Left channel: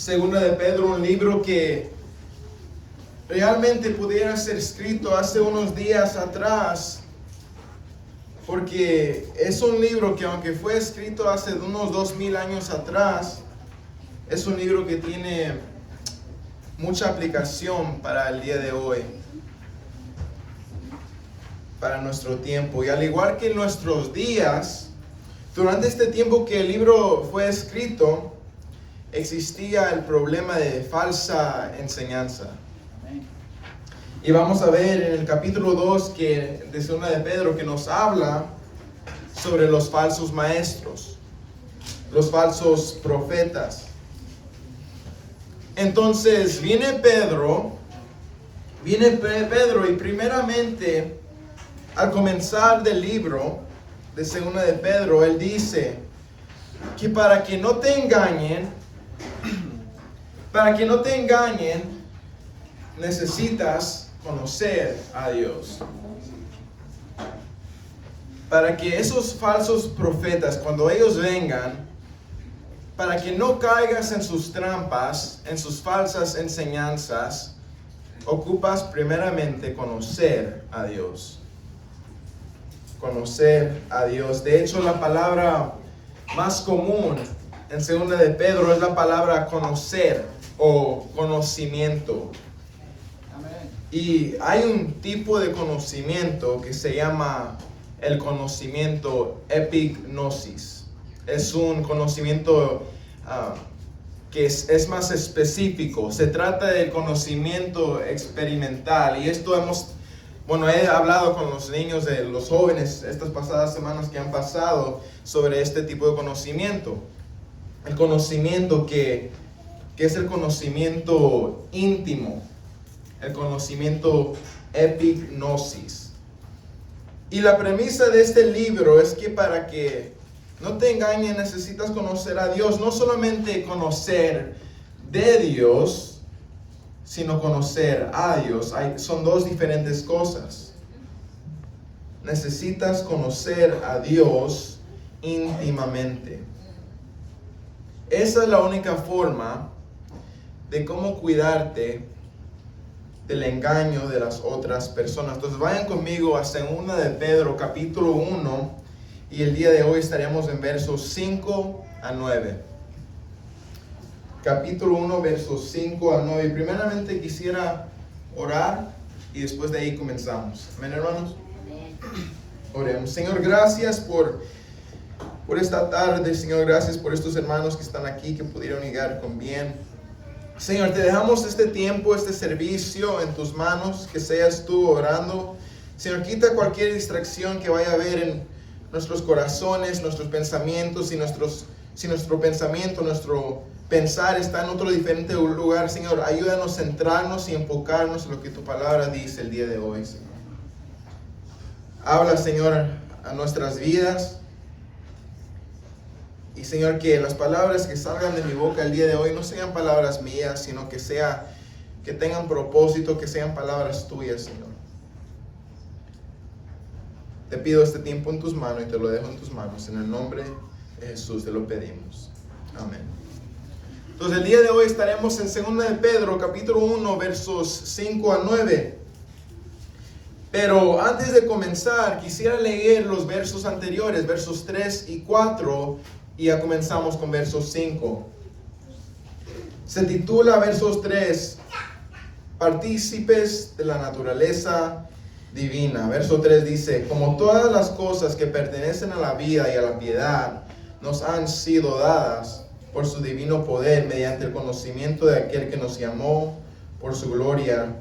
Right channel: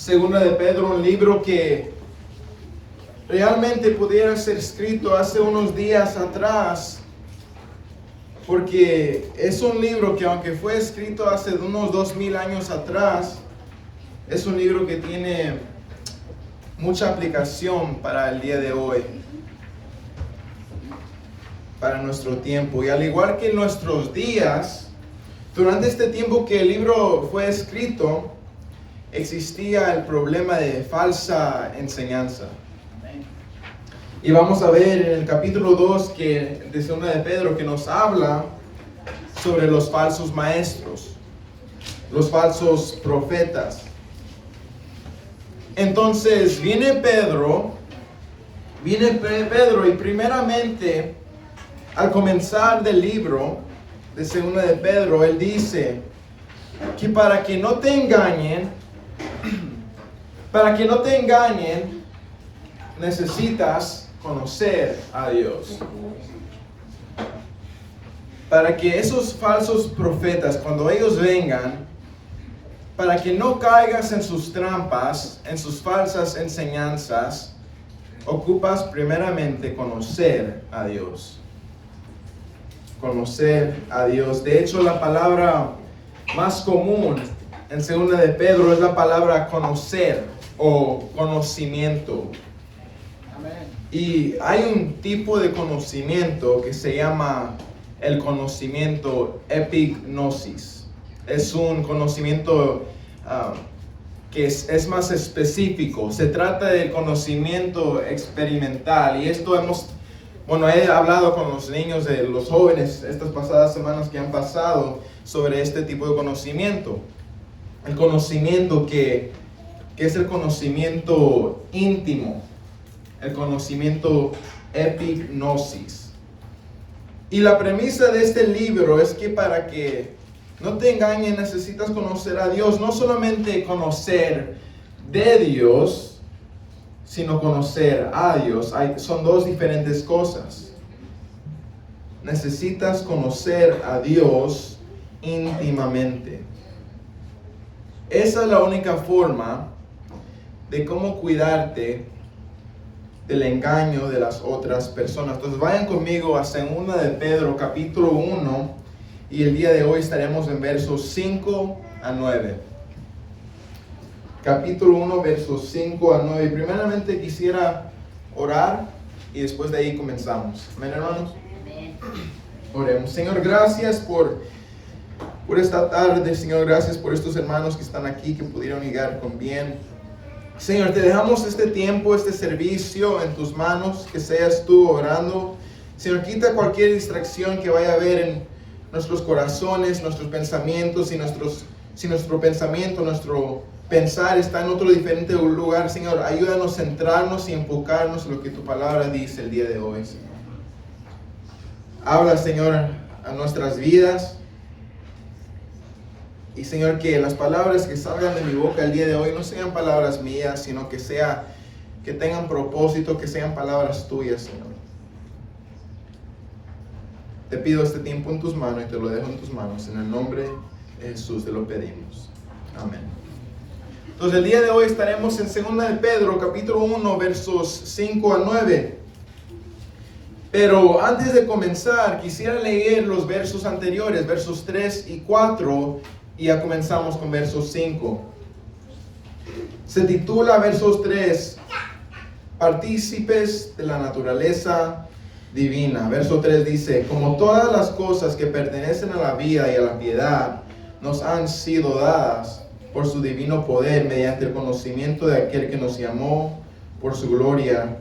Segunda de Pedro, un libro que realmente pudiera ser escrito hace unos días atrás, porque es un libro que, aunque fue escrito hace unos 2000 años atrás, es un libro que tiene mucha aplicación para el día de hoy, para nuestro tiempo. Y al igual que en nuestros días, durante este tiempo que el libro fue escrito, existía el problema de falsa enseñanza. Y vamos a ver en el capítulo 2 de Segunda de Pedro que nos habla sobre los falsos maestros, los falsos profetas. Entonces viene Pedro y primeramente al comenzar del libro de Segunda de Pedro, él dice que para que no te engañen, necesitas conocer a Dios. Para que esos falsos profetas, cuando ellos vengan, para que no caigas en sus trampas, en sus falsas enseñanzas, ocupas primeramente conocer a Dios. Conocer a Dios. De hecho, la palabra más común en Segunda de Pedro es la palabra conocer o conocimiento. Y hay un tipo de conocimiento que se llama el conocimiento epignosis. Es un conocimiento que es más específico. Se trata del conocimiento experimental. Y esto he hablado con los niños, de los jóvenes, estas pasadas semanas que han pasado sobre este tipo de conocimiento. El conocimiento que es el conocimiento íntimo. El conocimiento epignosis. Y la premisa de este libro es que para que no te engañen necesitas conocer a Dios. No solamente conocer de Dios, sino conocer a Dios. Son dos diferentes cosas. Necesitas conocer a Dios íntimamente. Esa es la única forma de cómo cuidarte del engaño de las otras personas. Entonces vayan conmigo a Segunda de Pedro capítulo 1 y el día de hoy estaremos en versos 5 a 9. Capítulo 1 versos 5 a 9. Primeramente quisiera orar y después de ahí comenzamos. Amén, hermanos. Oremos. Señor, gracias por esta tarde. Señor, gracias por estos hermanos que están aquí, que pudieron llegar con bien. Señor, te dejamos este tiempo, este servicio en tus manos, que seas tú orando. Señor, quita cualquier distracción que vaya a haber en nuestros corazones, nuestros pensamientos, si nuestro pensamiento, nuestro pensar está en otro diferente lugar. Señor, ayúdanos a centrarnos y enfocarnos en lo que tu palabra dice el día de hoy, Señor. Habla, Señor, a nuestras vidas. Y Señor, que las palabras que salgan de mi boca el día de hoy no sean palabras mías, sino que tengan propósito, que sean palabras tuyas, Señor. Te pido este tiempo en tus manos y te lo dejo en tus manos. En el nombre de Jesús te lo pedimos. Amén. Entonces el día de hoy estaremos en Segunda de Pedro, capítulo 1, versos 5 a 9. Pero antes de comenzar, quisiera leer los versos anteriores, versos 3 y 4. Y ya comenzamos con versos 5. Se titula versos 3, Partícipes de la naturaleza divina. Verso 3 dice: como todas las cosas que pertenecen a la vida y a la piedad nos han sido dadas por su divino poder mediante el conocimiento de aquel que nos llamó por su gloria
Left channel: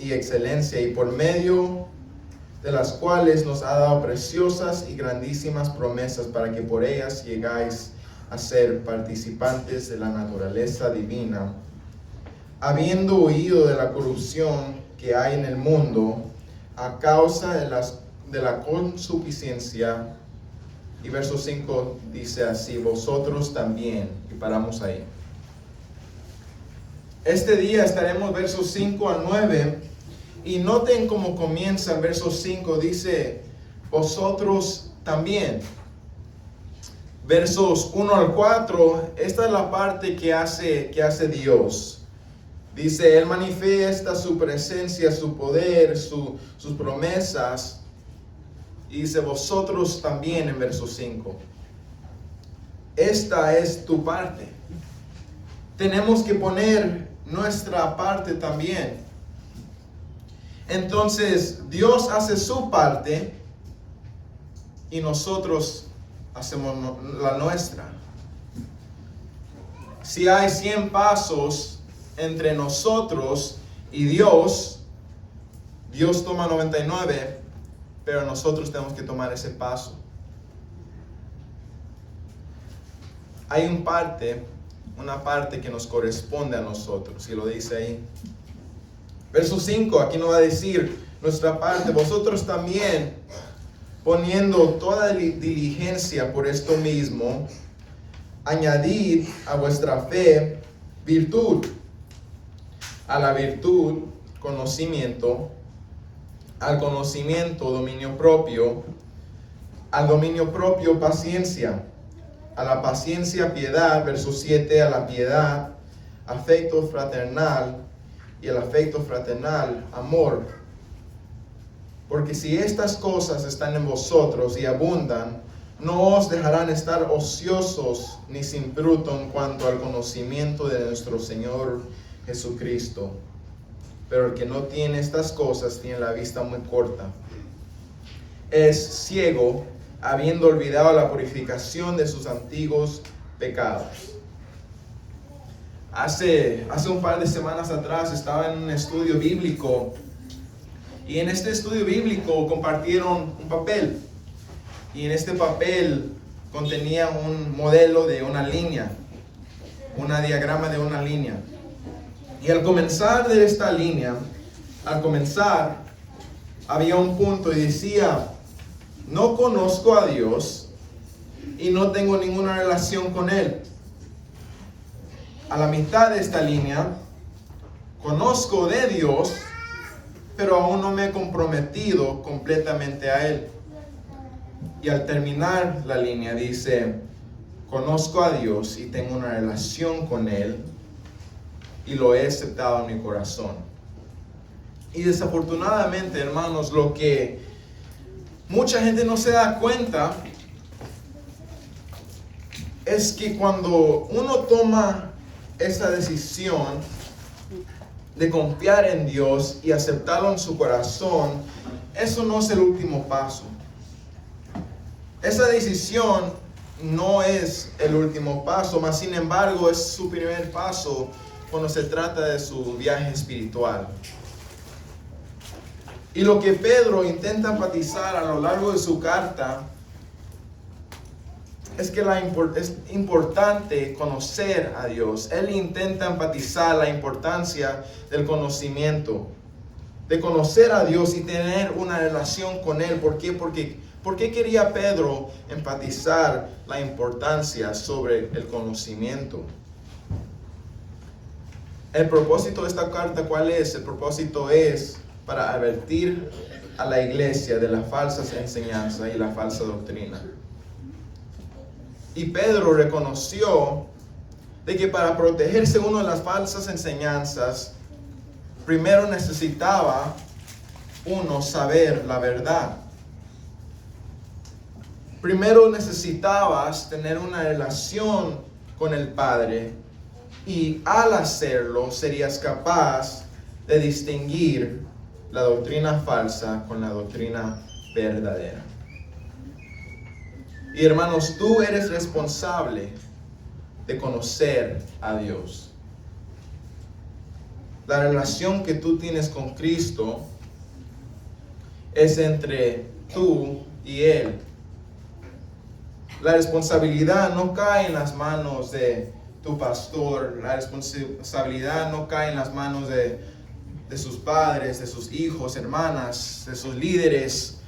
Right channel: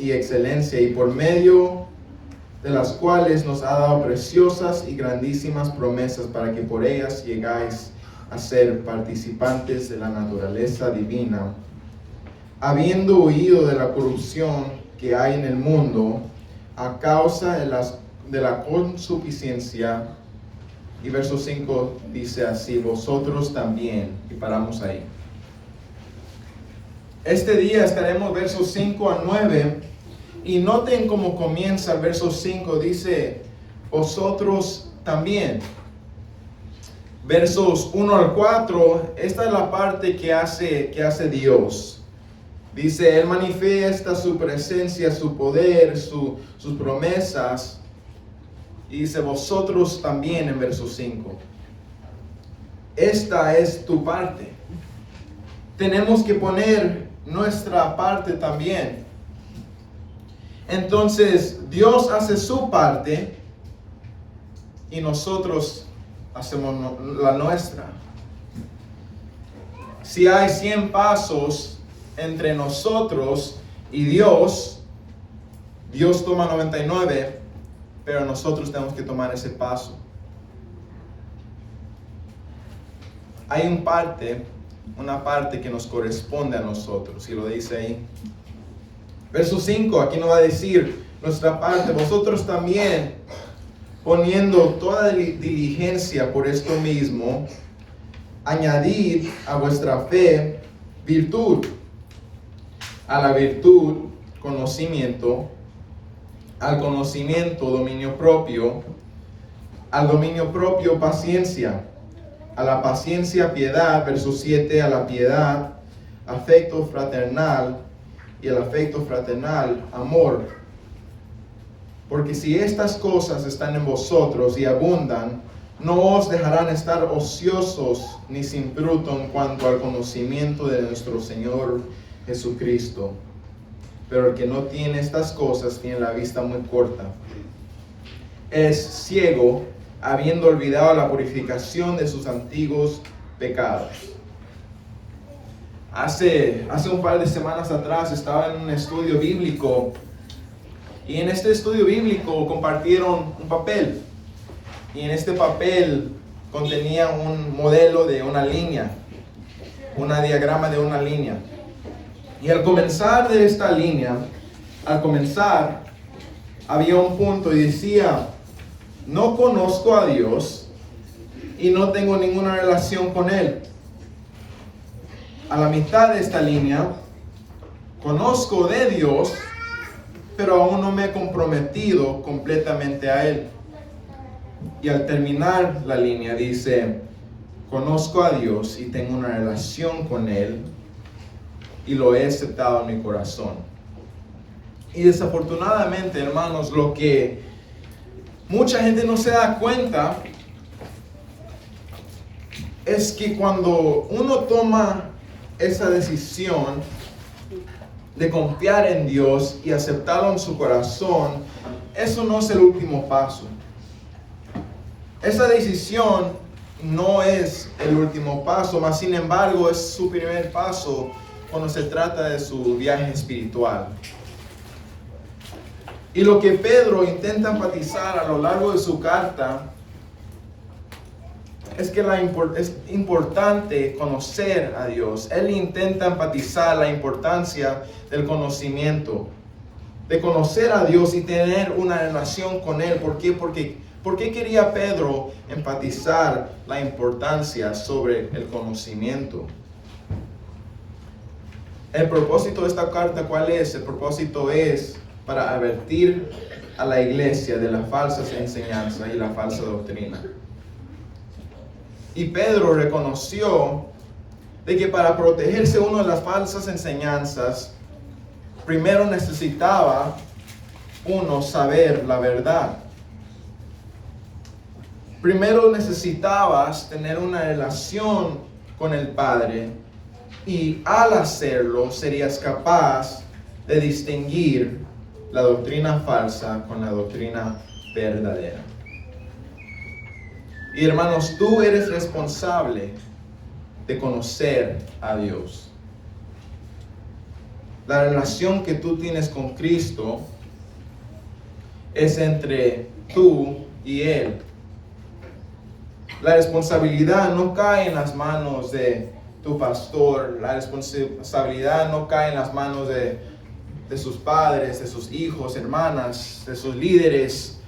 y excelencia, y por medio de las cuales nos ha dado preciosas y grandísimas promesas, para que por ellas llegáis a ser participantes de la naturaleza divina, habiendo huido de la corrupción que hay en el mundo a causa de la consuficiencia. Y verso 5 dice así: vosotros también. Y paramos ahí. Este día estaremos versos 5 a 9. Y noten cómo comienza el verso 5, dice, vosotros también. versos 1 al 4, esta es la parte que hace Dios. Dice, Él manifiesta su presencia, su poder, sus promesas. Y dice, vosotros también en verso 5. Esta es tu parte. Tenemos que poner nuestra parte también. Entonces, Dios hace su parte y nosotros hacemos la nuestra. Si hay 100 pasos entre nosotros y Dios toma 99, pero nosotros tenemos que tomar ese paso. Hay una parte que nos corresponde a nosotros, y lo dice ahí. Verso 5, aquí nos va a decir nuestra parte, vosotros también, poniendo toda diligencia por esto mismo, añadid a vuestra fe virtud, a la virtud conocimiento, al conocimiento dominio propio, al dominio propio paciencia, a la paciencia piedad, verso 7, a la piedad afecto fraternal, y el afecto fraternal amor. Porque si estas cosas están en vosotros y abundan, no os dejarán estar ociosos ni sin fruto en cuanto al conocimiento de nuestro Señor Jesucristo. Pero el que no tiene estas cosas tiene la vista muy corta. Es ciego, habiendo olvidado la purificación de sus antiguos pecados. Hace un par de semanas atrás estaba en un estudio bíblico, y en este estudio bíblico compartieron un papel, y en este papel contenía un modelo de una línea, un diagrama de una línea. Y al comenzar de esta línea, había un punto y decía, no conozco a Dios y no tengo ninguna relación con Él. A la mitad de esta línea, conozco de Dios, pero aún no me he comprometido completamente a Él. Y al terminar la línea dice, conozco a Dios y tengo una relación con Él y lo he aceptado en mi corazón. Y desafortunadamente, hermanos, lo que mucha gente no se da cuenta es que cuando uno toma esa decisión de confiar en Dios y aceptarlo en su corazón, eso no es el último paso. Esa decisión no es el último paso, mas sin embargo es su primer paso cuando se trata de su viaje espiritual. Y lo que Pedro intenta enfatizar a lo largo de su carta es que es importante conocer a Dios. Él intenta enfatizar la importancia del conocimiento, de conocer a Dios y tener una relación con Él. ¿Por qué? ¿Por qué quería Pedro enfatizar la importancia sobre el conocimiento? El propósito de esta carta, ¿cuál es? El propósito es para advertir a la iglesia de las falsas enseñanzas y la falsa doctrina. Y Pedro reconoció de que para protegerse uno de las falsas enseñanzas, primero necesitaba uno saber la verdad. Primero necesitabas tener una relación con el Padre, y al hacerlo serías capaz de distinguir la doctrina falsa con la doctrina verdadera. Y hermanos, tú eres responsable de conocer a Dios. La relación que tú tienes con Cristo es entre tú y Él. La responsabilidad no cae en las manos de tu pastor. La responsabilidad no cae en las manos de sus padres, de sus hijos, hermanas, de sus líderes,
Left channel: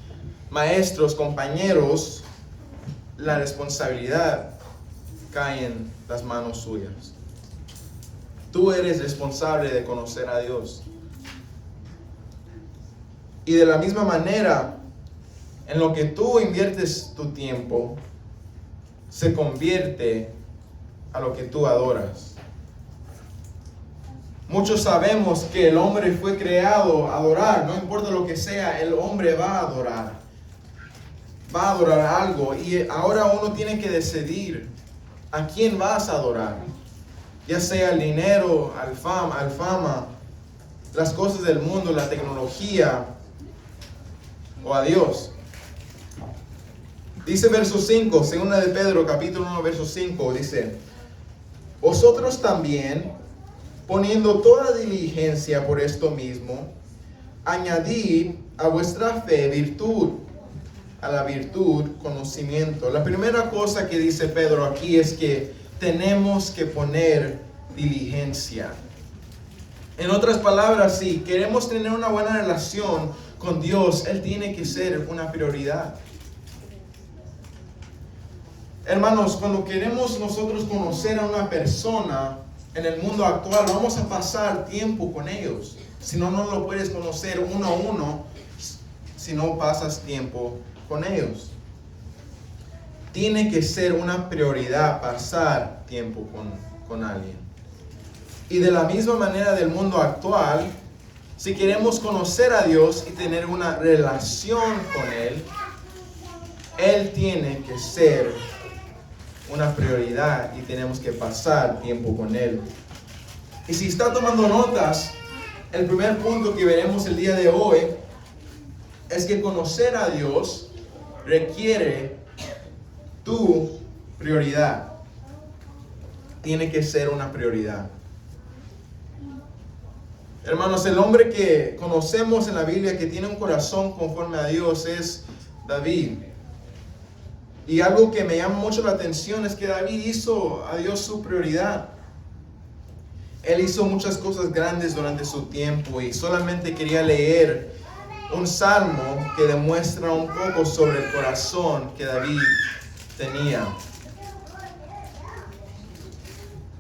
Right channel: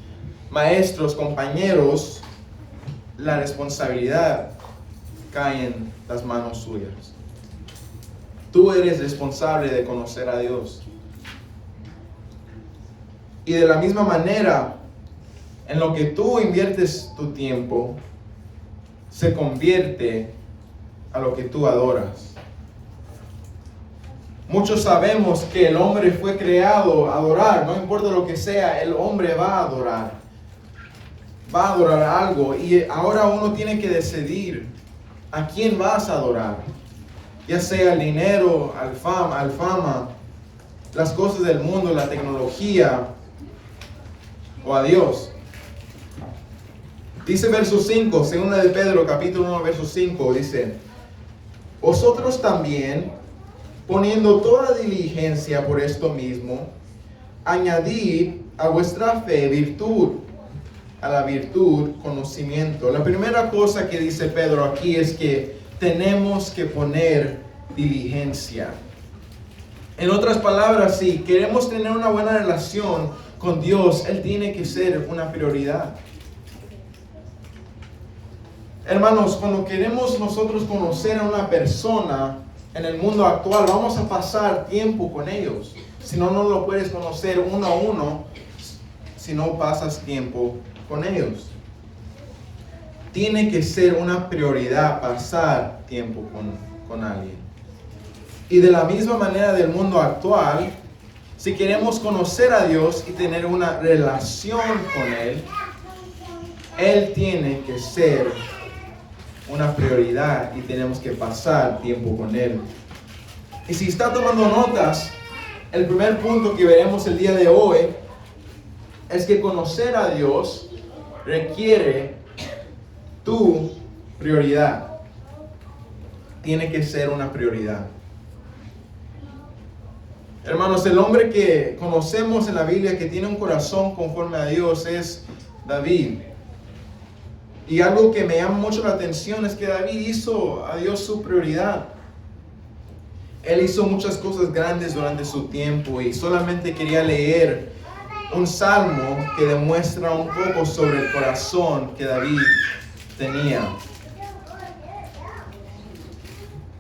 maestros, compañeros. La responsabilidad cae en las manos suyas. Tú eres responsable de conocer a Dios. Y de la misma manera, en lo que tú inviertes tu tiempo, se convierte a lo que tú adoras. Muchos sabemos que el hombre fue creado a adorar, no importa lo que sea, el hombre va a adorar. Va a adorar algo y ahora uno tiene que decidir a quién vas a adorar. Ya sea el dinero, al fama, las cosas del mundo, la tecnología o a Dios. Dice verso 5, segunda de Pedro, capítulo 1, verso 5, dice: vosotros también, poniendo toda diligencia por esto mismo, añadid a vuestra fe virtud, a la virtud conocimiento. La primera cosa que dice Pedro aquí es que tenemos que poner diligencia. En otras palabras, si queremos tener una buena relación con Dios, Él tiene que ser una prioridad. Hermanos, cuando queremos nosotros conocer a una persona en el mundo actual, vamos a pasar tiempo con ellos. Si no, no lo puedes conocer uno a uno si no pasas tiempo con ellos. Tiene que ser una prioridad pasar tiempo con alguien. Y de la misma manera del mundo actual, si queremos conocer a Dios y tener una relación con Él, Él tiene que ser una prioridad y tenemos que pasar tiempo con Él. Y si está tomando notas, el primer punto que veremos el día de hoy es que conocer a Dios requiere tu prioridad. Tiene que ser una prioridad. Hermanos, el hombre que conocemos en la Biblia que tiene un corazón conforme a Dios es David. Y algo que me llama mucho la atención es que David hizo a Dios su prioridad. Él hizo muchas cosas grandes durante su tiempo y solamente quería leer un salmo que demuestra un poco sobre el corazón que David tenía.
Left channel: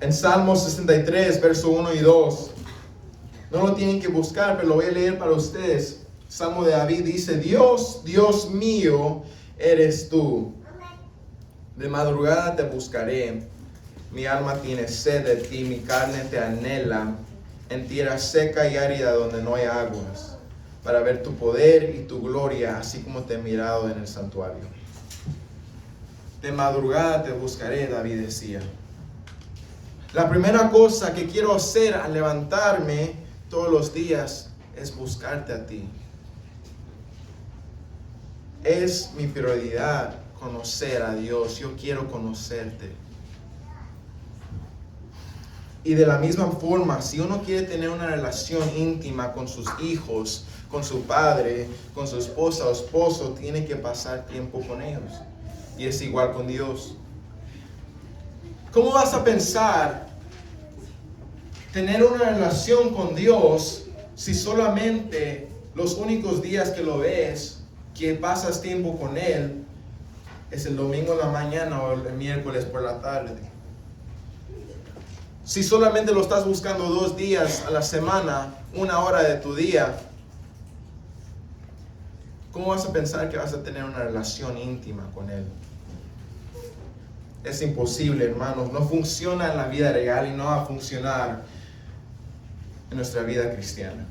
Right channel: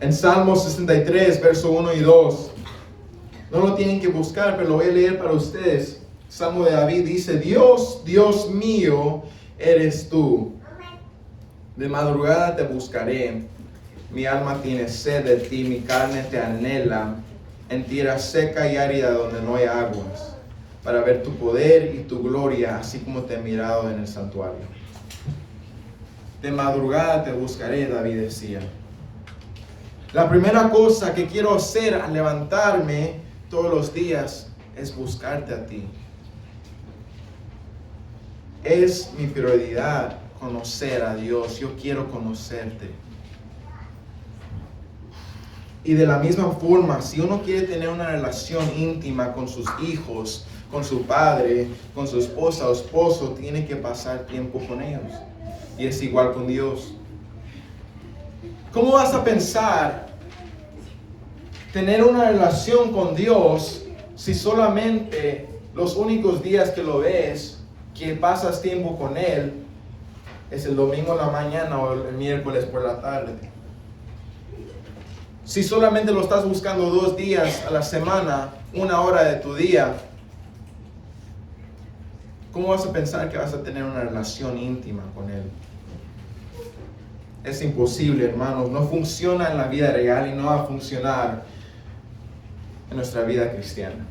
En Salmo 63, verso 1 y 2. No lo tienen que buscar, pero lo voy a leer para ustedes. Salmo de David dice: Dios, Dios mío, eres tú. De madrugada te buscaré. Mi alma tiene sed de ti, mi carne te anhela en tierra seca y árida donde no hay aguas, para ver tu poder y tu gloria, así como te he mirado en el santuario. De madrugada te buscaré, David decía. La primera cosa que quiero hacer al levantarme todos los días es buscarte a ti. Es mi prioridad conocer a Dios. Yo quiero conocerte. Y de la misma forma, si uno quiere tener una relación íntima con sus hijos, con su padre, con su esposa o esposo, tiene que pasar tiempo con ellos. Y es igual con Dios. ¿Cómo vas a pensar tener una relación con Dios si solamente los únicos días que lo ves, que pasas tiempo con Él, es el domingo en la mañana o el miércoles por la tarde? Si solamente lo estás buscando 2 días a la semana, 1 hora de tu día, ¿cómo vas a pensar que vas a tener una relación íntima con Él? Es imposible, hermanos. No funciona en la vida real y no va a funcionar en nuestra vida cristiana.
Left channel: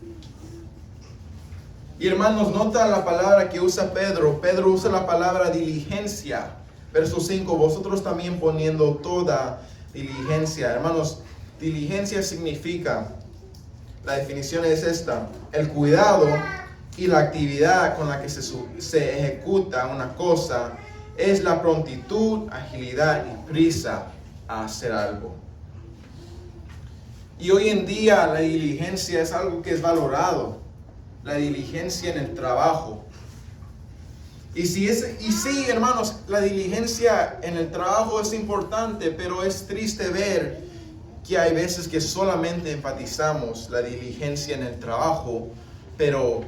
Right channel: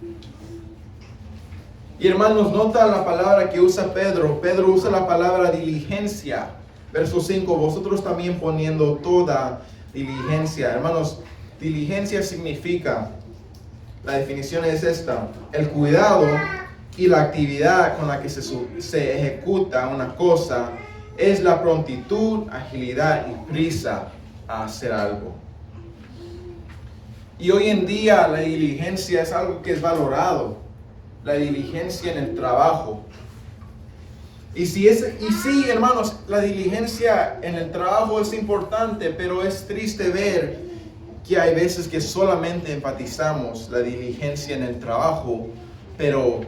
Y hermanos, nota la palabra que usa Pedro. Pedro usa la palabra diligencia. Verso 5, vosotros también poniendo toda diligencia. Hermanos, diligencia significa, la definición es esta: el cuidado y la actividad con la que se ejecuta una cosa es la prontitud, agilidad y prisa a hacer algo. Y hoy en día la diligencia es algo que es valorado. La diligencia en el trabajo. Y sí, hermanos, la diligencia en el trabajo es importante, pero es triste ver que hay veces que solamente enfatizamos la diligencia en el trabajo, pero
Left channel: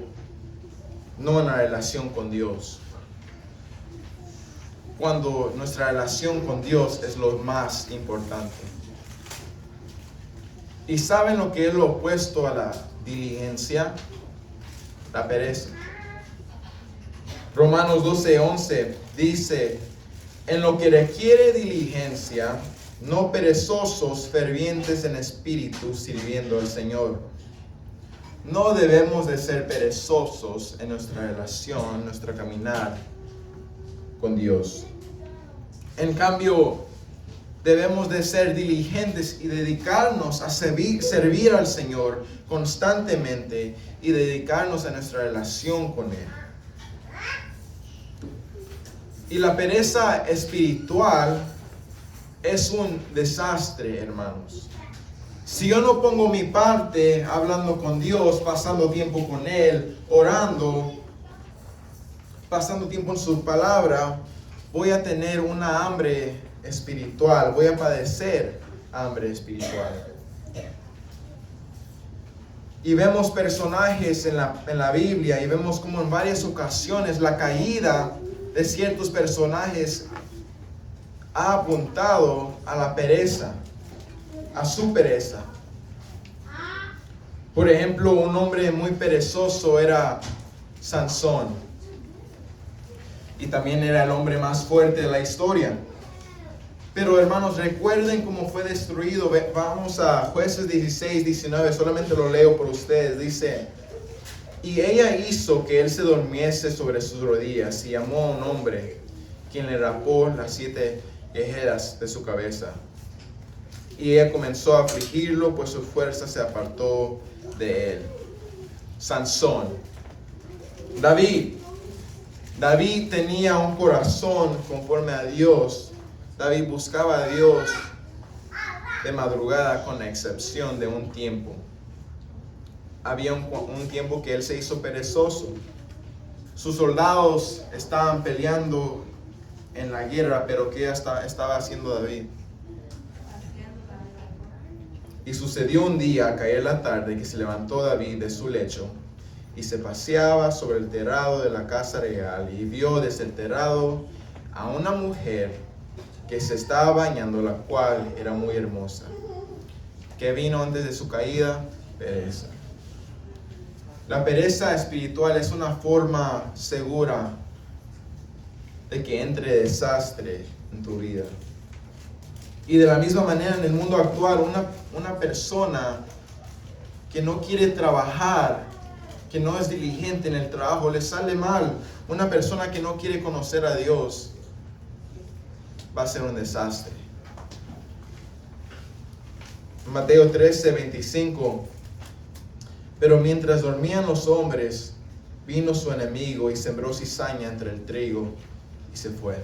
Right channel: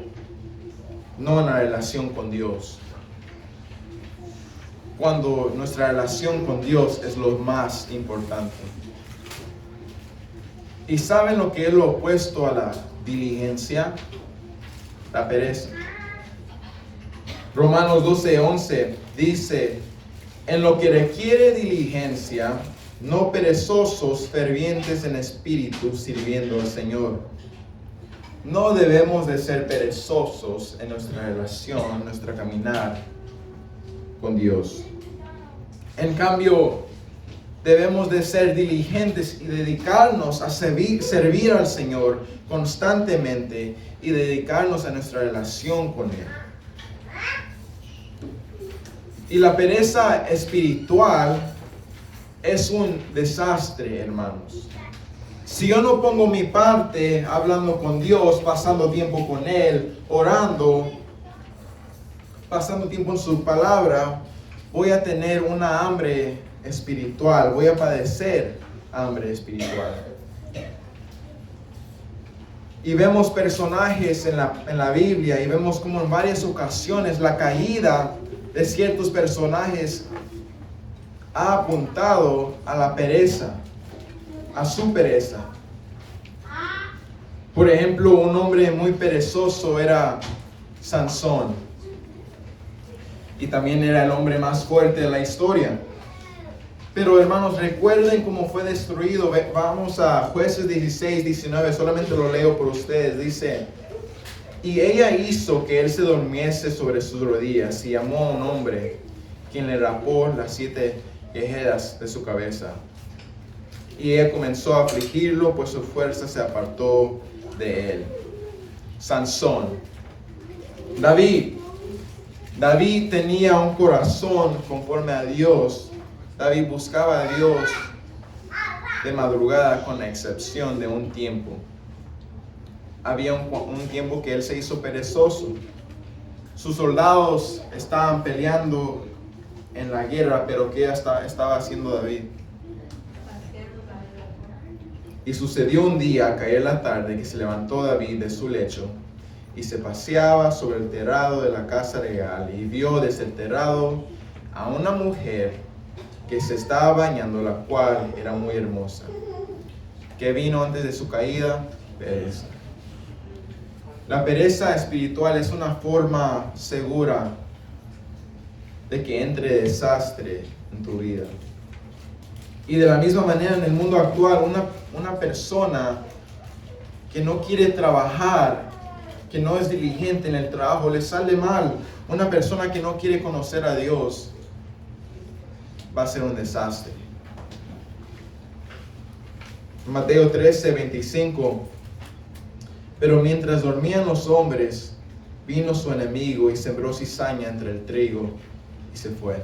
no en la relación con Dios. Cuando nuestra relación con Dios es lo más importante. ¿Y saben lo que es lo opuesto a la diligencia? La pereza. Romanos 12:11 dice En lo que requiere diligencia, no perezosos, fervientes en espíritu, sirviendo al Señor. No debemos de ser perezosos en nuestra relación, en nuestro caminar con Dios. En cambio, debemos de ser diligentes y dedicarnos a servir al Señor constantemente y dedicarnos a nuestra relación con Él. Y la pereza espiritual es un desastre, hermanos. Si yo no pongo mi parte hablando con Dios, pasando tiempo con Él, orando, pasando tiempo en su palabra, voy a tener una hambre espiritual, voy a padecer hambre espiritual. Y vemos personajes en la Biblia y vemos como en varias ocasiones la caída de ciertos personajes ha apuntado a la pereza, a su pereza. Por ejemplo, un hombre muy perezoso era Sansón. Y también era el hombre más fuerte de la historia. Pero hermanos, recuerden cómo fue destruido. Vamos a Jueces 16, 19, solamente lo leo por ustedes. Dice: y ella hizo que él se durmiese sobre sus rodillas y llamó a un hombre, quien le rapó las 7 quejeras de su cabeza. Y ella comenzó a afligirlo, pues su fuerza se apartó de él. Sansón. David tenía un corazón conforme a Dios. David buscaba a Dios de madrugada, con la excepción de un tiempo. Había un tiempo que él se hizo perezoso. Sus soldados estaban peleando en la guerra, pero ¿qué estaba haciendo David? Y sucedió un día, al caer la tarde, que se levantó David de su lecho y se paseaba sobre el terrado de la casa real, y vio desde el terrado a una mujer que se estaba bañando, la cual era muy hermosa. ¿Qué vino antes de su caída? Pereza. La pereza espiritual es una forma segura de que entre desastre en tu vida. Y de la misma manera, en el mundo actual, una persona que no quiere trabajar, que no es diligente en el trabajo, le sale mal. Una persona que no quiere conocer a Dios va a ser un desastre. Mateo 13, 25. Pero mientras dormían los hombres, vino su enemigo y sembró cizaña entre el trigo y se fue.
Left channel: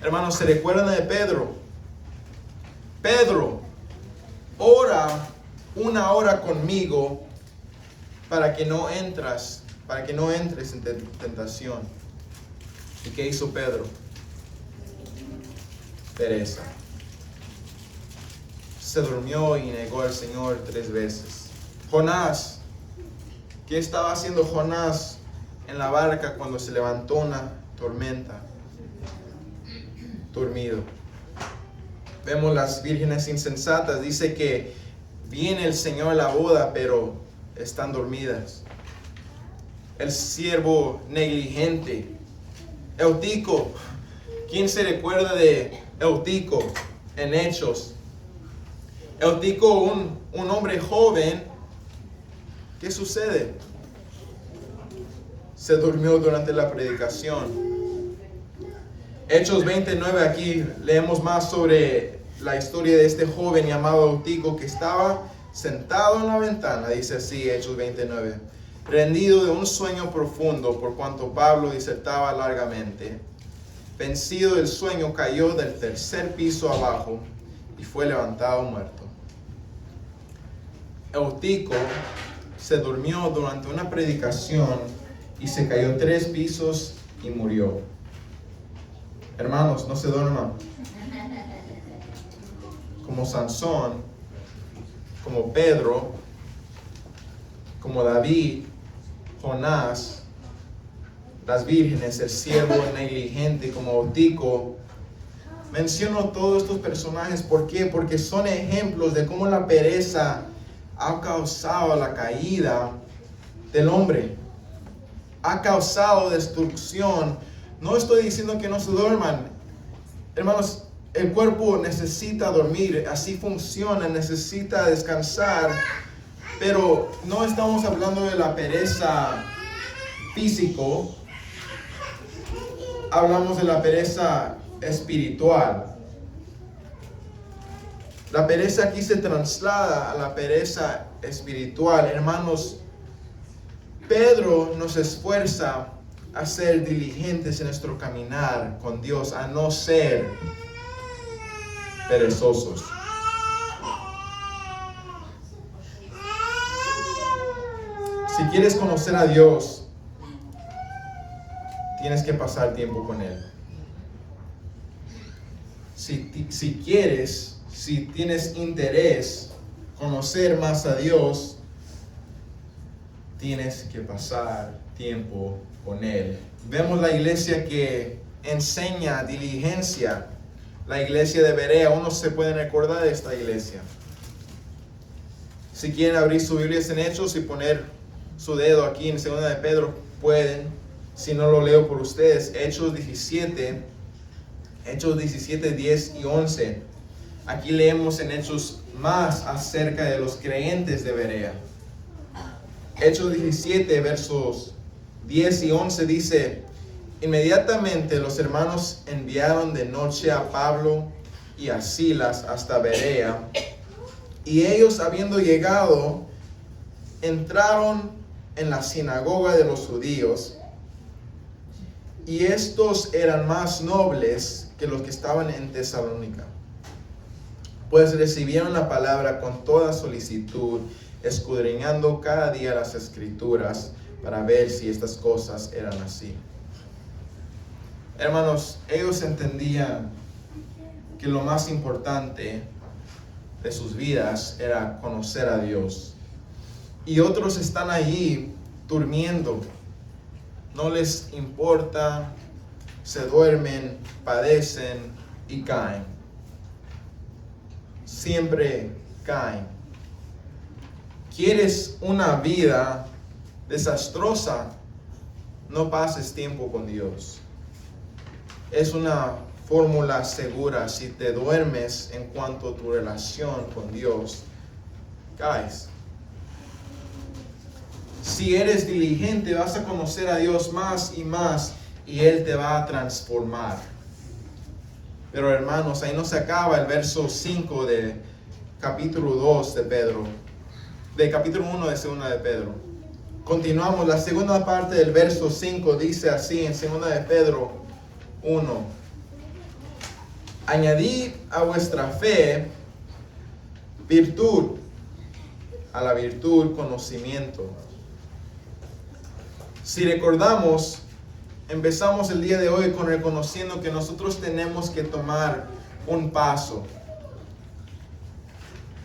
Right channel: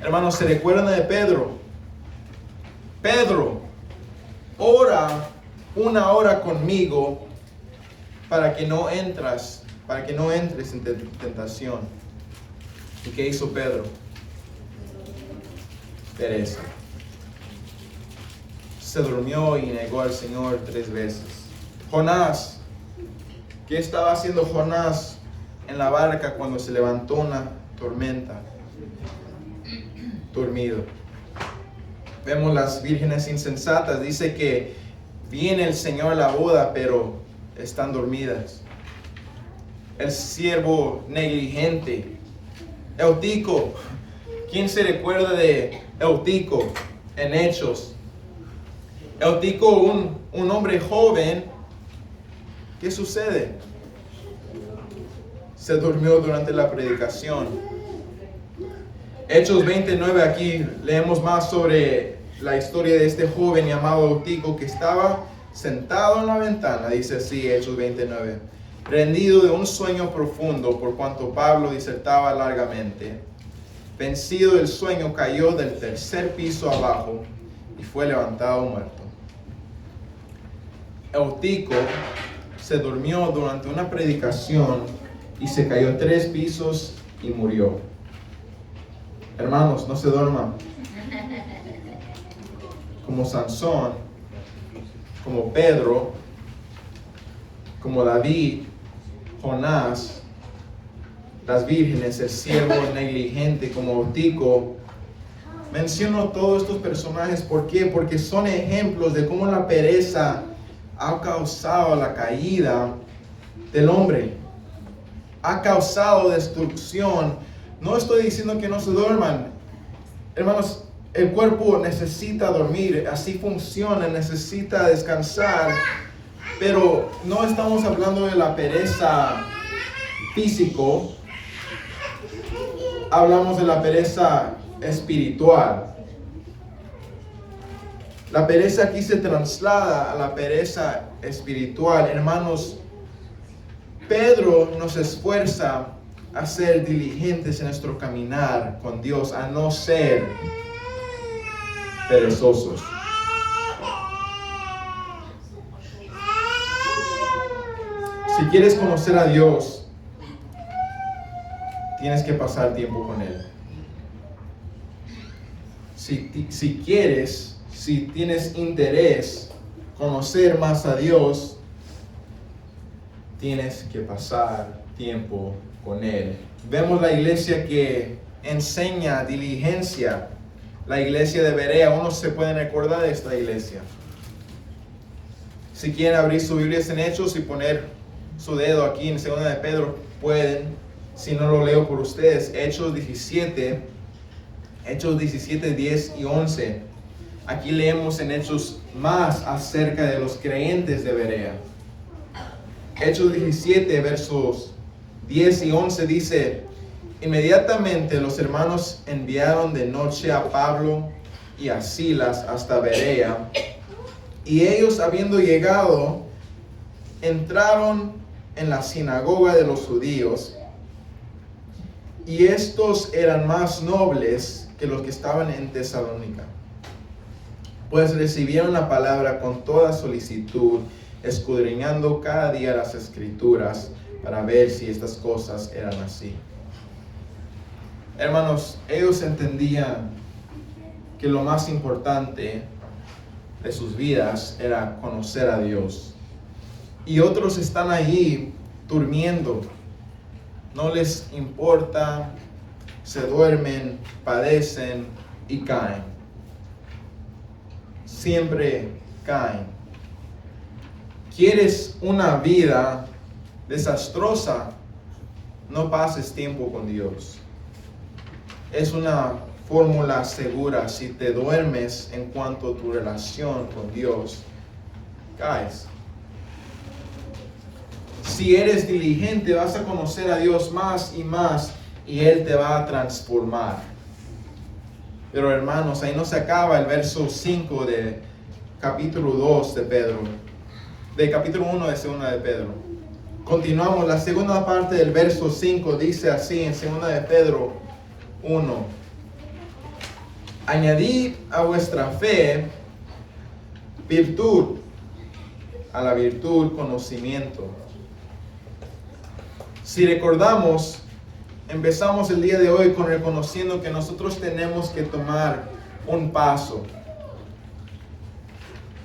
Hermanos, ¿se recuerdan de Pedro? Pedro, ora 1 hora conmigo para que no entres en tentación. ¿Y qué hizo Pedro? Pereza. Se durmió y negó al Señor 3 veces. Jonás, ¿qué estaba haciendo Jonás en la barca cuando se levantó una tormenta? Dormido. Vemos las vírgenes insensatas. Dice que viene el Señor a la boda, pero están dormidas. El siervo negligente. Eutico. ¿Quién se recuerda de Eutico en Hechos? Eutico, un hombre joven. ¿Qué sucede? Se durmió durante la predicación. Hechos 29, aquí leemos más sobre la historia de este joven llamado Eutico, que estaba sentado en la ventana, dice así, Hechos 29, rendido de un sueño profundo, por cuanto Pablo disertaba largamente. Vencido del sueño, cayó del 3er piso abajo y fue levantado muerto. Eutico se durmió durante una predicación y se cayó 3 pisos y murió. Hermanos, no se duerman. Como Sansón, como Pedro, como David, Jonás, las vírgenes, el siervo negligente como Eutico. Menciono todos estos personajes, ¿por qué? Porque son ejemplos de cómo la pereza ha causado la caída del hombre. Ha causado destrucción. No estoy diciendo que no se duerman. Hermanos, el cuerpo necesita dormir, así funciona, necesita descansar, pero no estamos hablando de la pereza físico, hablamos de la pereza espiritual. La pereza aquí se traslada a la pereza espiritual. Hermanos, Pedro nos esfuerza a ser diligentes en nuestro caminar con Dios, a no ser perezosos. Si quieres conocer a Dios, tienes que pasar tiempo con Él. Si quieres, si tienes interés conocer más a Dios, tienes que pasar tiempo con Él. Vemos la iglesia que enseña diligencia, la iglesia de Berea. Unos se pueden recordar de esta iglesia. Si quieren abrir sus Biblias en Hechos y poner su dedo aquí en 2 de Pedro, pueden. Si no, lo leo por ustedes. Hechos 17, 10 y 11. Aquí leemos en Hechos más acerca de los creyentes de Berea. Hechos 17, versos 10 y 11 dice: inmediatamente los hermanos enviaron de noche a Pablo y a Silas hasta Berea, y ellos, habiendo llegado, entraron en la sinagoga de los judíos, y estos eran más nobles que los que estaban en Tesalónica, pues recibieron la palabra con toda solicitud, escudriñando cada día las escrituras para ver si estas cosas eran así. Hermanos, ellos entendían que lo más importante de sus vidas era conocer a Dios. Y otros están ahí durmiendo, no les importa, se duermen, padecen y caen. Siempre caen. ¿Quieres una vida desastrosa? No pases tiempo con Dios. Es una fórmula segura. Si te duermes en cuanto a tu relación con Dios, caes. Si eres diligente, vas a conocer a Dios más y más, y Él te va a transformar. Pero hermanos, ahí no se acaba el verso 5 de capítulo 2 de Pedro. De capítulo 1 de 2 de Pedro. Continuamos, la segunda parte del verso 5 dice así en 2 de Pedro 1: añadid a vuestra fe virtud, a la virtud conocimiento. Si recordamos, empezamos el día de hoy con reconociendo que nosotros tenemos que tomar un paso.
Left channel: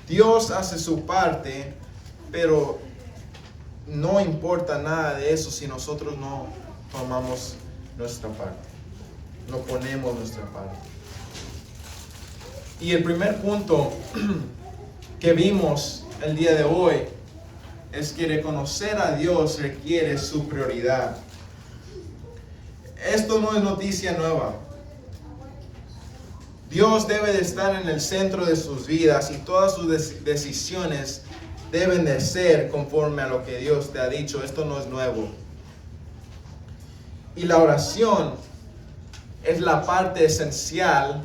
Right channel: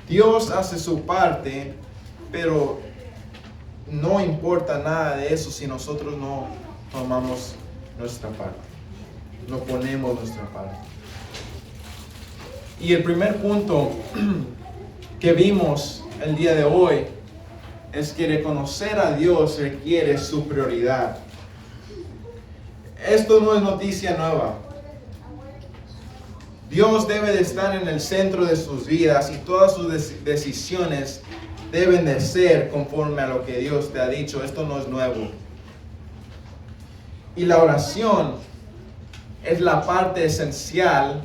Dios hace su parte, pero no importa nada de eso si nosotros no tomamos nuestra parte, no ponemos nuestra parte. Y el primer punto que vimos el día de hoy es que reconocer a Dios requiere su prioridad. Esto no es noticia nueva. Dios debe de estar en el centro de sus vidas y todas sus decisiones deben de ser conforme a lo que Dios te ha dicho. Esto no es nuevo. Y la oración es la parte esencial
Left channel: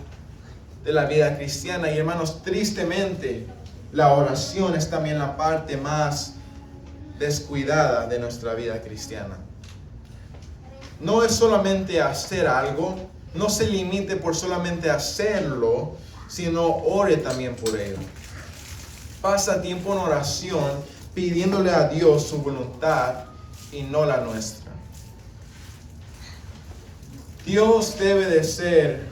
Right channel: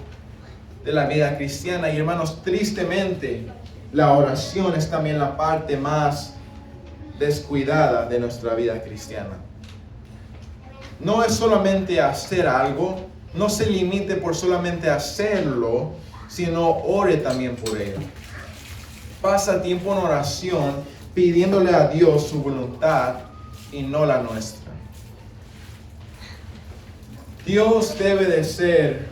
de la vida cristiana. Y hermanos, tristemente, la oración es también la parte más descuidada de nuestra vida cristiana. No es solamente hacer algo, no se limite por solamente hacerlo, sino ore también por ello. Pasa tiempo en oración pidiéndole a Dios su voluntad y no la nuestra. Dios debe de ser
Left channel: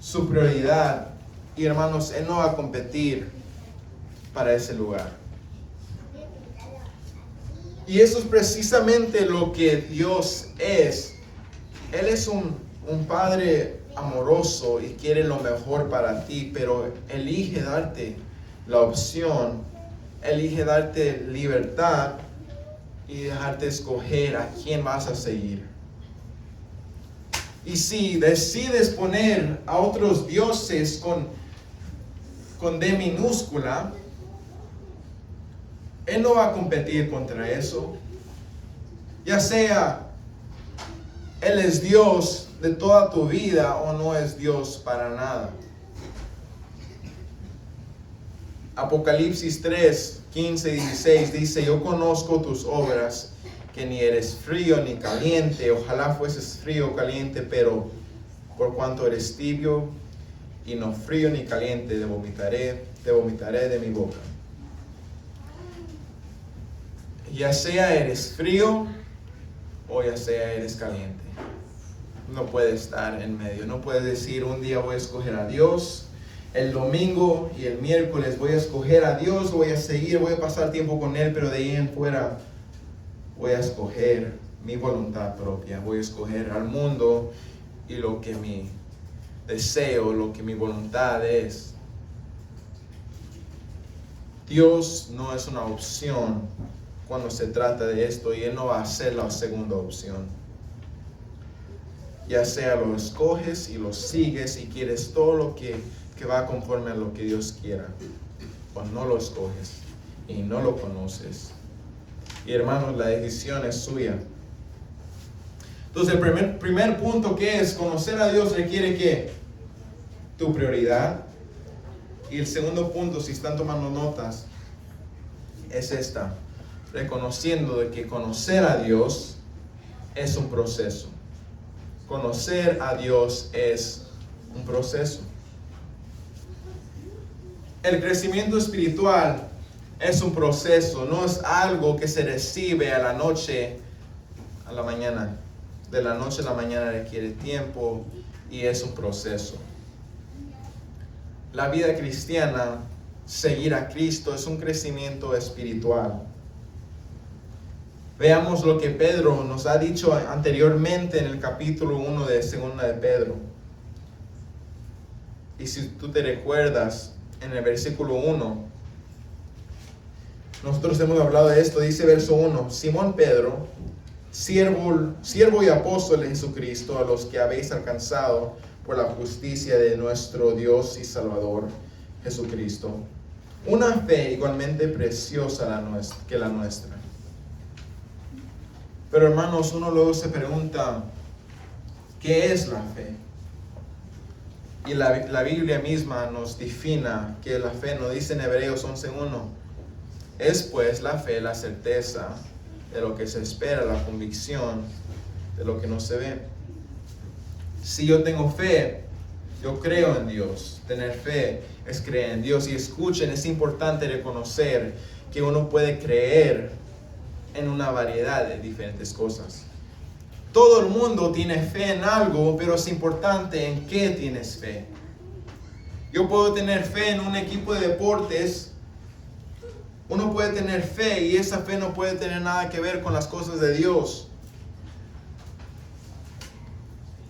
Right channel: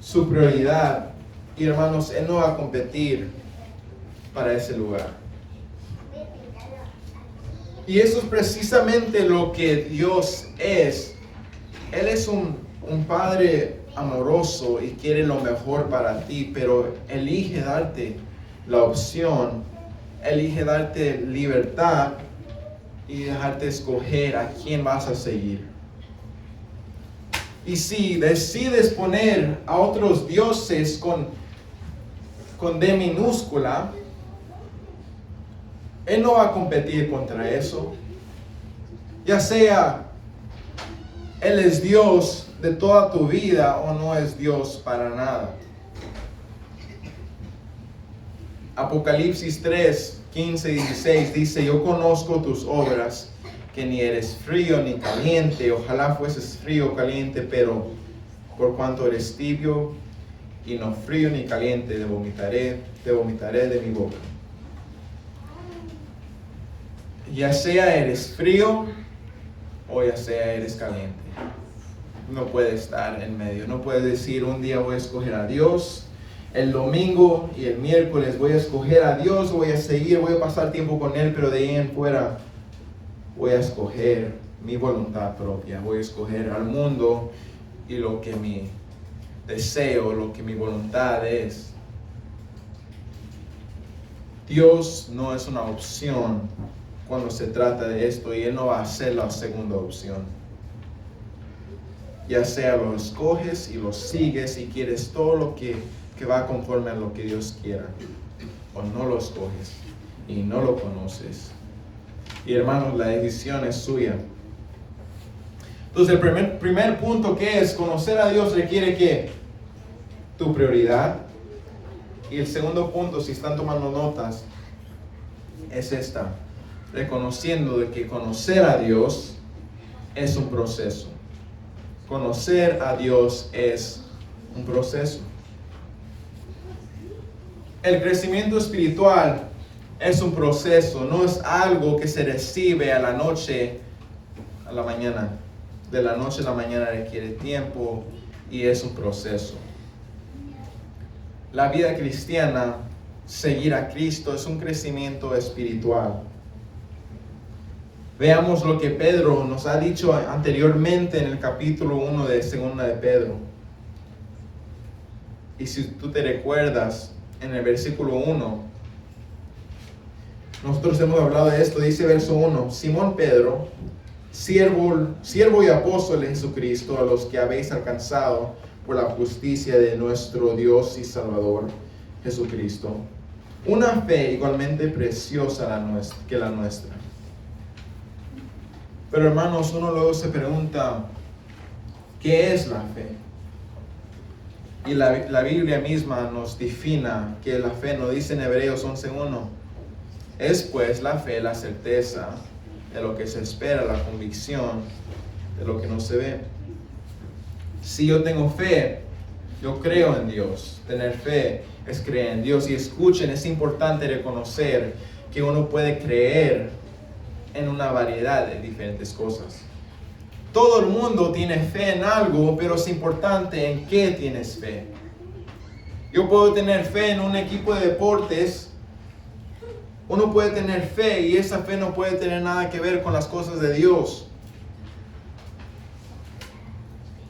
su prioridad y hermanos, Él no va a competir para ese lugar. Y eso es precisamente lo que Dios es. Él es un Padre amoroso y quiere lo mejor para ti, pero elige darte la opción, elige darte libertad y dejarte escoger a quién vas a seguir. Y si decides poner a otros dioses con D minúscula, Él no va a competir contra eso. Ya sea Él es Dios de toda tu vida o no es Dios para nada. Apocalipsis 3, 15 y 16 dice: yo conozco tus obras, que ni eres frío ni caliente. Ojalá fueses frío o caliente, pero por cuanto eres tibio y no frío ni caliente, te vomitaré de mi boca. Ya sea eres frío o ya sea eres caliente. No puedes estar en medio. No puedes decir: un día voy a escoger a Dios, el domingo y el miércoles voy a escoger a Dios, voy a pasar tiempo con Él, pero de ahí en fuera voy a escoger mi voluntad propia, voy a escoger al mundo y lo que mi deseo, lo que mi voluntad es. Dios no es una opción cuando se trata de esto, y Él no va a ser la segunda opción. Ya sea lo escoges y lo sigues y quieres todo lo que va conforme a lo que Dios quiera, o no lo escoges y no lo conoces. Y hermanos, la decisión es suya. Entonces el primer punto, que es conocer a Dios, requiere que tu prioridad. Y el segundo punto, si están tomando notas, es esta: reconociendo de que conocer a Dios es un proceso. Conocer a Dios es un proceso. El crecimiento espiritual es un proceso, no es algo que se recibe a la noche a la mañana. De la noche a la mañana requiere tiempo y es un proceso. La vida cristiana, seguir a Cristo, es un crecimiento espiritual. Veamos lo que Pedro nos ha dicho anteriormente en el capítulo 1 de 2 de Pedro. Y si tú te recuerdas, en el versículo 1, nosotros hemos hablado de esto. Dice verso 1: Simón Pedro, siervo y apóstol de Jesucristo, a los que habéis alcanzado por la justicia de nuestro Dios y Salvador Jesucristo, una fe igualmente preciosa que la nuestra. Pero hermanos, uno luego se pregunta: ¿qué es la fe? Y la Biblia misma nos define que la fe, nos dice en Hebreos 11:1: es pues la fe la certeza de lo que se espera, la convicción de lo que no se ve. Si yo tengo fe, yo creo en Dios. Tener fe es creer en Dios. Y escuchen, es importante reconocer que uno puede creer en una variedad de diferentes cosas. Todo el mundo tiene fe en algo, pero es importante en qué tienes fe. Yo puedo tener fe en un equipo de deportes. Uno puede tener fe y esa fe no puede tener nada que ver con las cosas de Dios.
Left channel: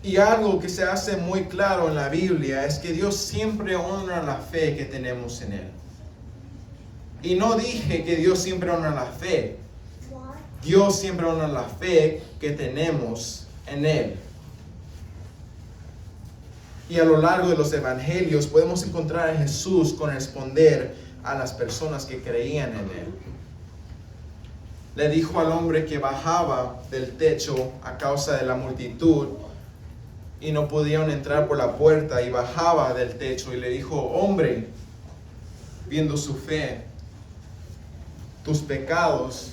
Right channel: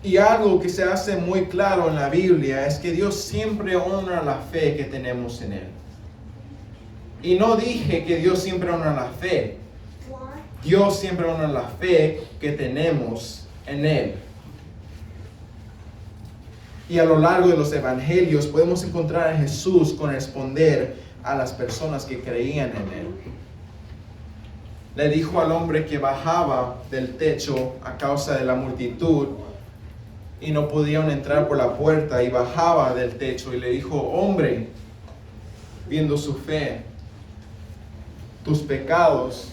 Y algo que se hace muy claro en la Biblia es que Dios siempre honra la fe que tenemos en Él. Y no dije que Dios siempre honra la fe. Dios siempre honra la fe que tenemos en Él. Y a lo largo de los evangelios podemos encontrar a Jesús corresponder a las personas que creían en Él. Le dijo al hombre que bajaba del techo a causa de la multitud y no podían entrar por la puerta, y bajaba del techo y le dijo: hombre, viendo su fe, tus pecados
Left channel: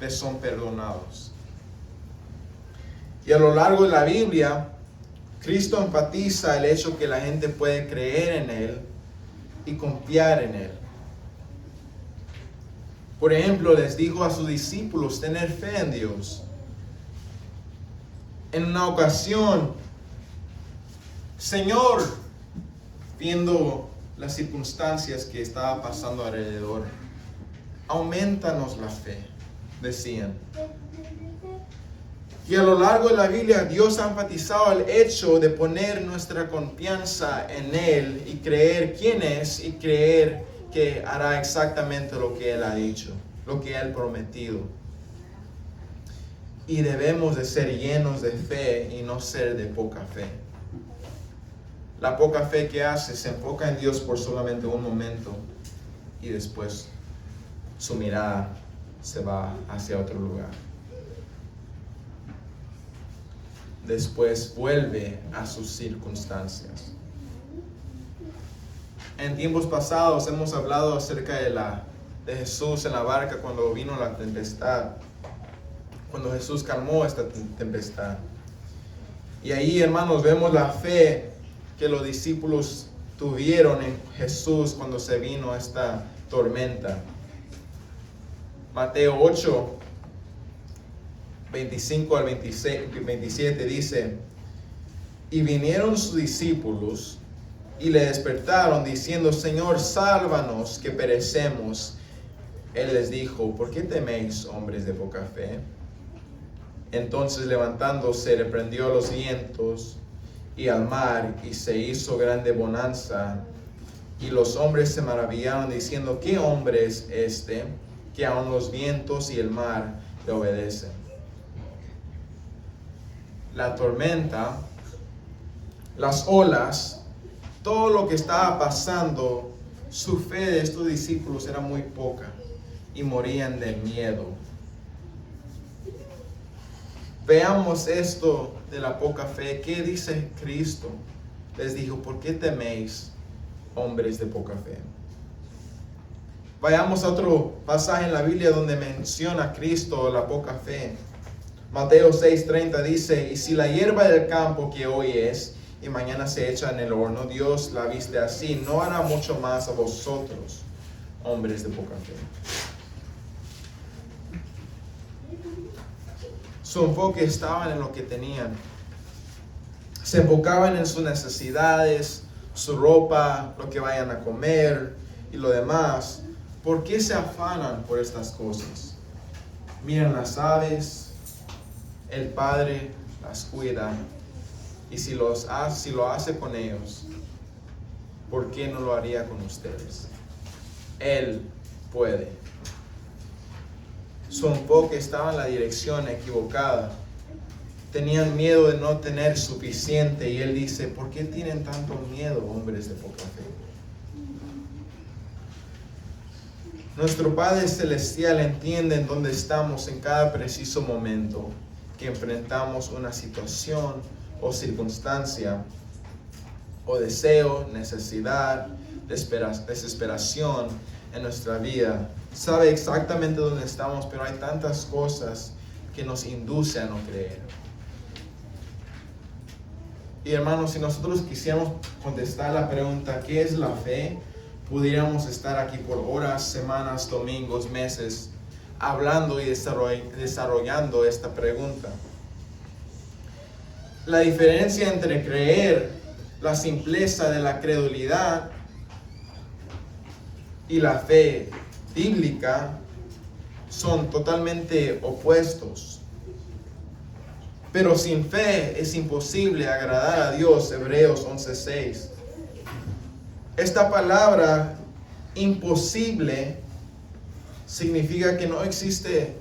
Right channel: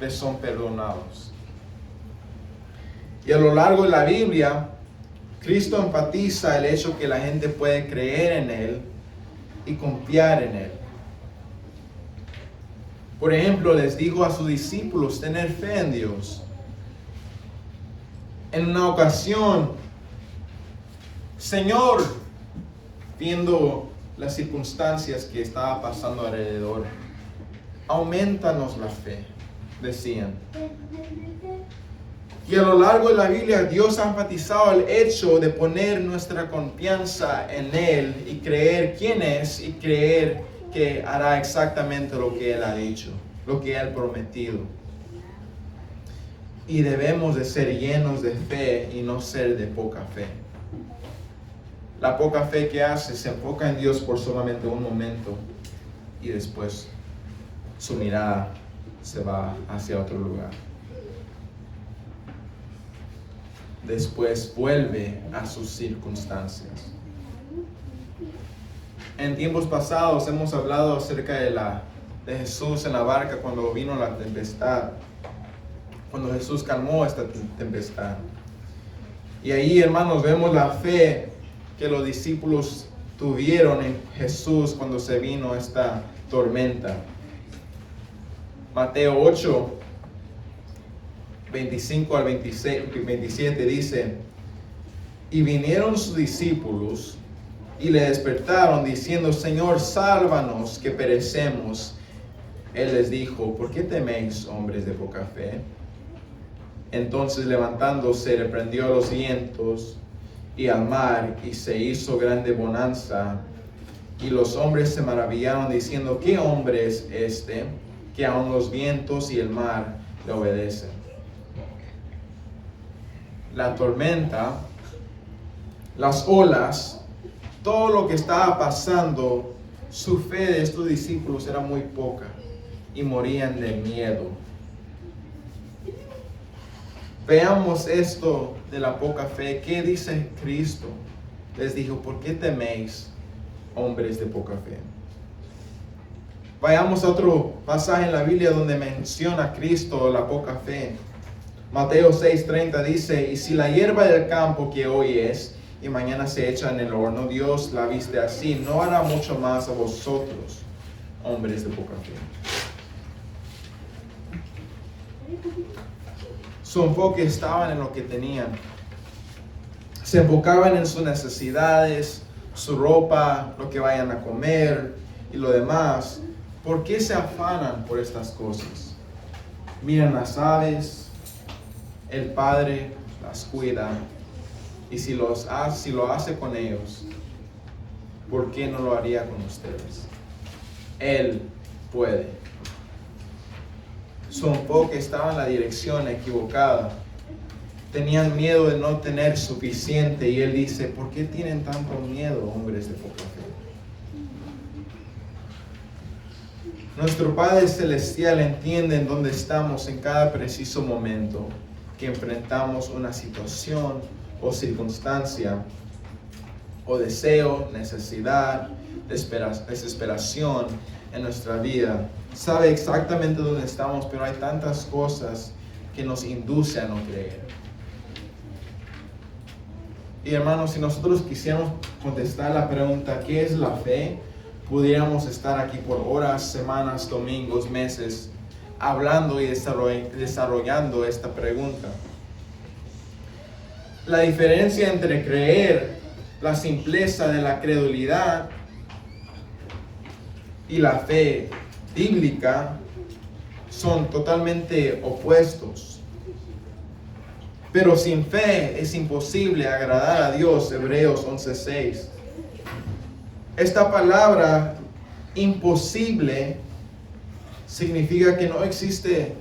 te son perdonados. Y a lo largo de la Biblia, Cristo enfatiza el hecho que la gente puede creer en Él y confiar en Él. Por ejemplo, les dijo a sus discípulos tener fe en Dios. En una ocasión, Señor, viendo las circunstancias que estaba pasando alrededor, aumentanos la fe, decían. Y a lo largo de la Biblia, Dios ha enfatizado el hecho de poner nuestra confianza en Él y creer quién es y creer que hará exactamente lo que Él ha dicho, lo que Él ha prometido. Y debemos de ser llenos de fe y no ser de poca fe. La poca fe que hace se enfoca en Dios por solamente un momento y después su mirada se va hacia otro lugar. Después vuelve a sus circunstancias. En tiempos pasados hemos hablado acerca de Jesús en la barca cuando vino la tempestad. Cuando Jesús calmó esta tempestad. Y ahí, hermanos, vemos la fe que los discípulos tuvieron en Jesús cuando se vino esta tormenta. Mateo 8, 25 al 27 dice: y vinieron sus discípulos y le despertaron diciendo: Señor, sálvanos, que perecemos. Él les dijo: ¿por qué teméis, hombres de poca fe? Entonces, levantándose, reprendió a los vientos y al mar, y se hizo grande bonanza. Y los hombres se maravillaron diciendo: ¿qué hombre es este, que aun los vientos y el mar le obedecen? La tormenta, las olas, todo lo que estaba pasando, su fe de estos discípulos era muy poca y morían de miedo. Veamos esto de la poca fe. ¿Qué dice Cristo? Les dijo: ¿por qué teméis, hombres de poca fe? Vayamos a otro pasaje en la Biblia donde menciona a Cristo la poca fe. Mateo 6:30 dice: y si la hierba del campo que hoy es y mañana se echa en el horno, Dios la viste así, ¿no hará mucho más a vosotros, hombres de poca fe? Su enfoque estaba en lo que tenían. Se enfocaban en sus necesidades, su ropa, lo que vayan a comer y lo demás. ¿Por qué se afanan por estas cosas? Miran las aves, el Padre las cuida, y si lo hace con ellos, ¿por qué no lo haría con ustedes? Él puede. Su enfoque estaba en la dirección equivocada. Tenían miedo de no tener suficiente, y Él dice: ¿por qué tienen tanto miedo, hombres de poca fe? Nuestro Padre Celestial entiende en dónde estamos en cada preciso momento que enfrentamos una situación o circunstancia, o deseo, necesidad, desesperación en nuestra vida. Sabe exactamente dónde estamos, pero hay tantas cosas que nos inducen a no creer. Y hermanos, si nosotros quisiéramos contestar la pregunta ¿qué es la fe?, pudiéramos estar aquí por horas, semanas, domingos, meses, hablando y desarrollando esta pregunta. La diferencia entre creer, la simpleza de la credulidad, y la fe bíblica son totalmente opuestos. Pero sin fe es imposible agradar a Dios. Hebreos 11:6. Esta palabra imposible significa que no existe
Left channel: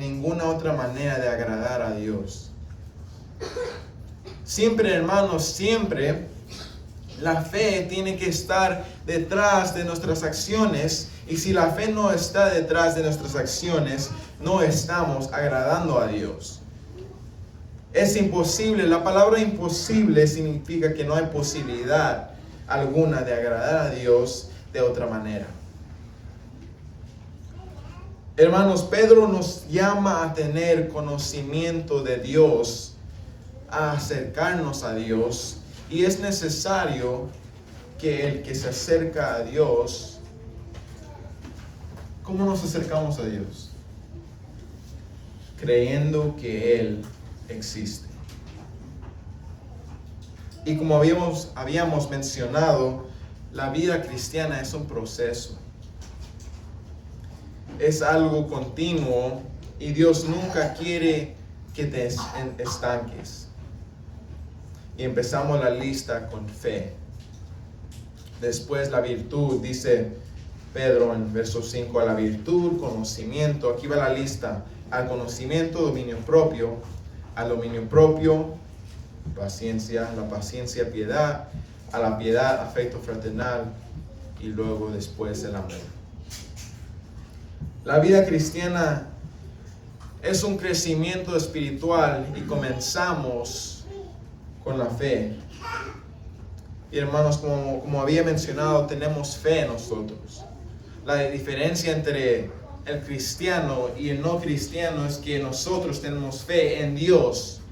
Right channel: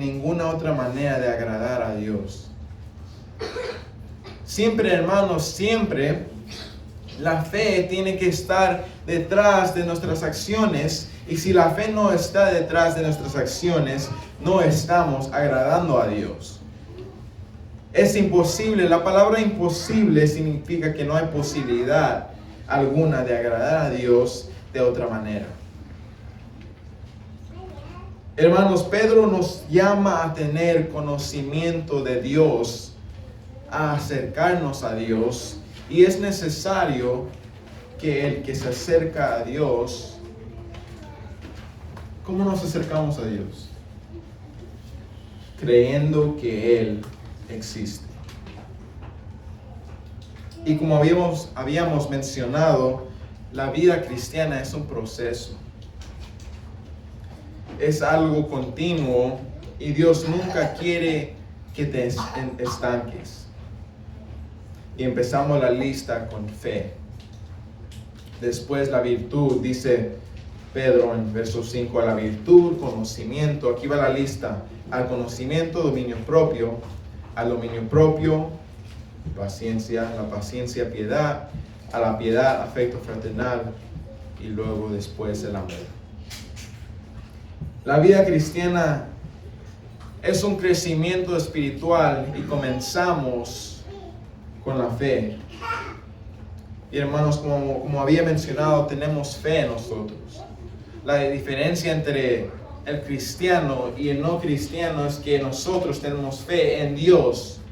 ninguna otra manera de agradar a Dios. Siempre, hermanos, siempre la fe tiene que estar detrás de nuestras acciones, y si la fe no está detrás de nuestras acciones, no estamos agradando a Dios. Es imposible. La palabra imposible significa que no hay posibilidad alguna de agradar a Dios de otra manera. Hermanos, Pedro nos llama a tener conocimiento de Dios, a acercarnos a Dios, y es necesario que el que se acerca a Dios, ¿cómo nos acercamos a Dios? Creyendo que Él existe. Y como habíamos mencionado, la vida cristiana es un proceso. Es algo continuo, y Dios nunca quiere que te estanques. Y empezamos la lista con fe. Después la virtud, dice Pedro en verso 5, a la virtud, conocimiento, aquí va la lista, al conocimiento, dominio propio, al dominio propio, paciencia, la paciencia, piedad, a la piedad, afecto fraternal, y luego después el amor. La vida cristiana es un crecimiento espiritual y comenzamos con la fe. Y hermanos, como había mencionado, tenemos fe nosotros. La diferencia entre el cristiano y el no cristiano es que nosotros tenemos fe en Dios.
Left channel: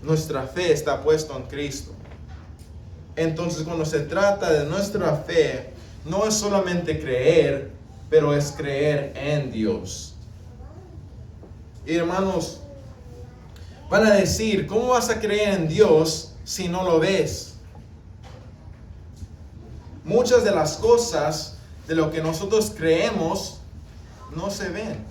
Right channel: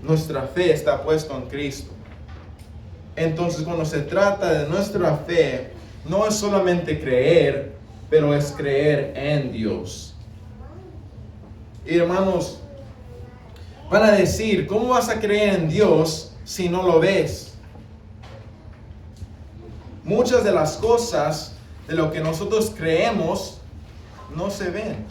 Nuestra fe está puesta en Cristo. Entonces, cuando se trata de nuestra fe, no es solamente creer, pero es creer en Dios. Y hermanos, van a decir, ¿cómo vas a creer en Dios si no lo ves? Muchas de las cosas de lo que nosotros creemos no se ven.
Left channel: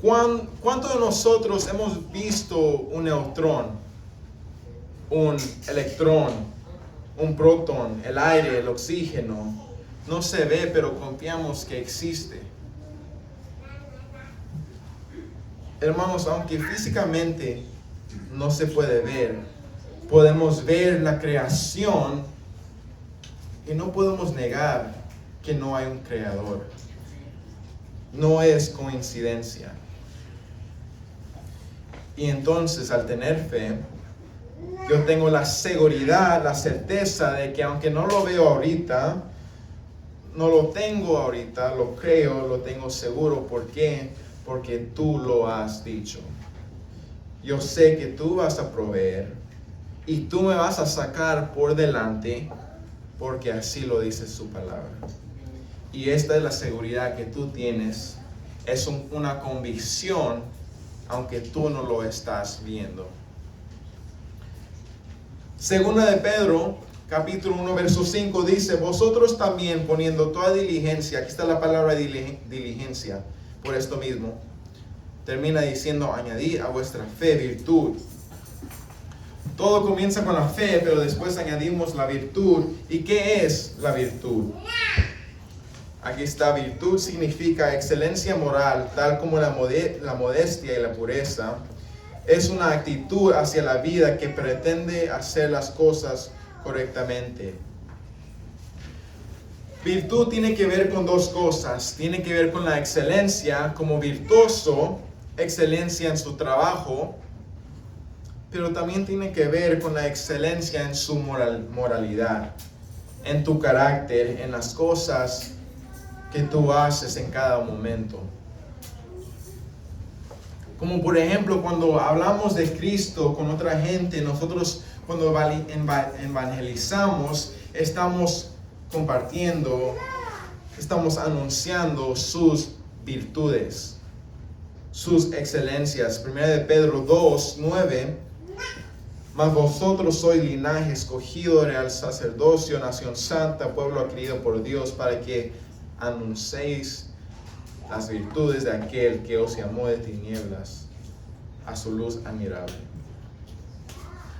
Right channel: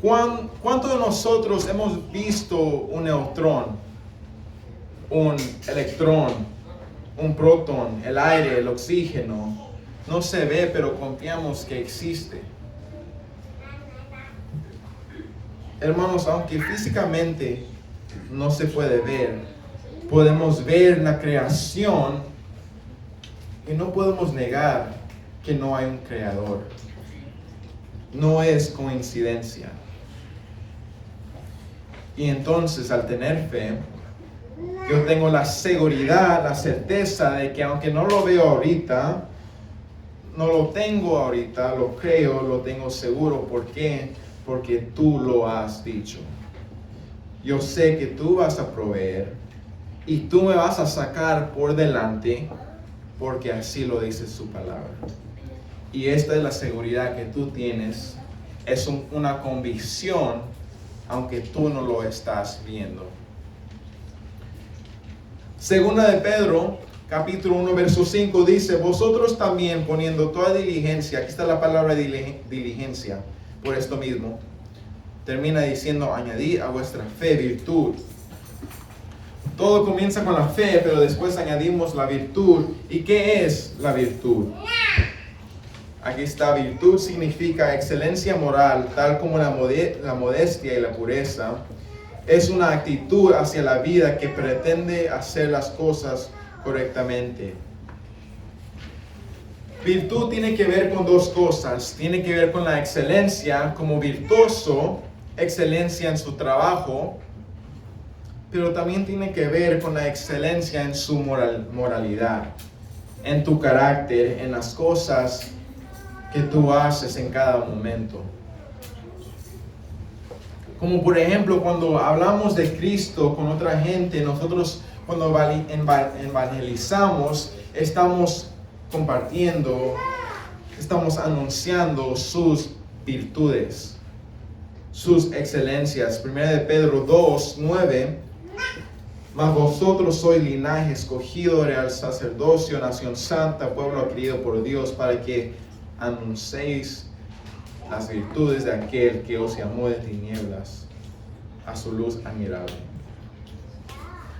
¿Cuántos de nosotros hemos visto un neutrón, un electrón, un protón, el aire, el oxígeno? No se ve, pero confiamos que existe. Hermanos, aunque físicamente no se puede ver, podemos ver la creación y no podemos negar que no hay un creador. No es coincidencia. Y entonces, al tener fe, yo tengo la seguridad, la certeza de que aunque no lo veo ahorita, no lo tengo ahorita, lo creo, lo tengo seguro. ¿Por qué? Porque tú lo has dicho. Yo sé que tú vas a proveer y tú me vas a sacar por delante, porque así lo dice su palabra. Y esta es la seguridad que tú tienes. Es una convicción, aunque tú no lo estás viendo. Segunda de Pedro, capítulo 1, verso 5 dice, vosotros también poniendo toda diligencia, aquí está la palabra diligencia, por esto mismo, termina diciendo, añadid a vuestra fe virtud. Todo comienza con la fe, pero después añadimos la virtud. ¿Y qué es la virtud? Aquí está, virtud significa excelencia moral, tal como la modestia y la pureza. Es una actitud hacia la vida que pretende hacer las cosas correctamente. Virtud tiene que ver con dos cosas. Tiene que ver con la excelencia como virtuoso, excelencia en su trabajo, pero también tiene que ver con la excelencia en su moralidad, en tu carácter, en las cosas que tú haces en cada momento. Como por ejemplo, cuando hablamos de Cristo con otra gente, nosotros cuando evangelizamos, estamos compartiendo, estamos anunciando sus virtudes, sus excelencias. 1 de Pedro 2, 9, mas vosotros sois linaje escogido, real sacerdocio, nación santa, pueblo adquirido por Dios, para que anunciéis las virtudes de aquel que os llamó de tinieblas a su luz admirable.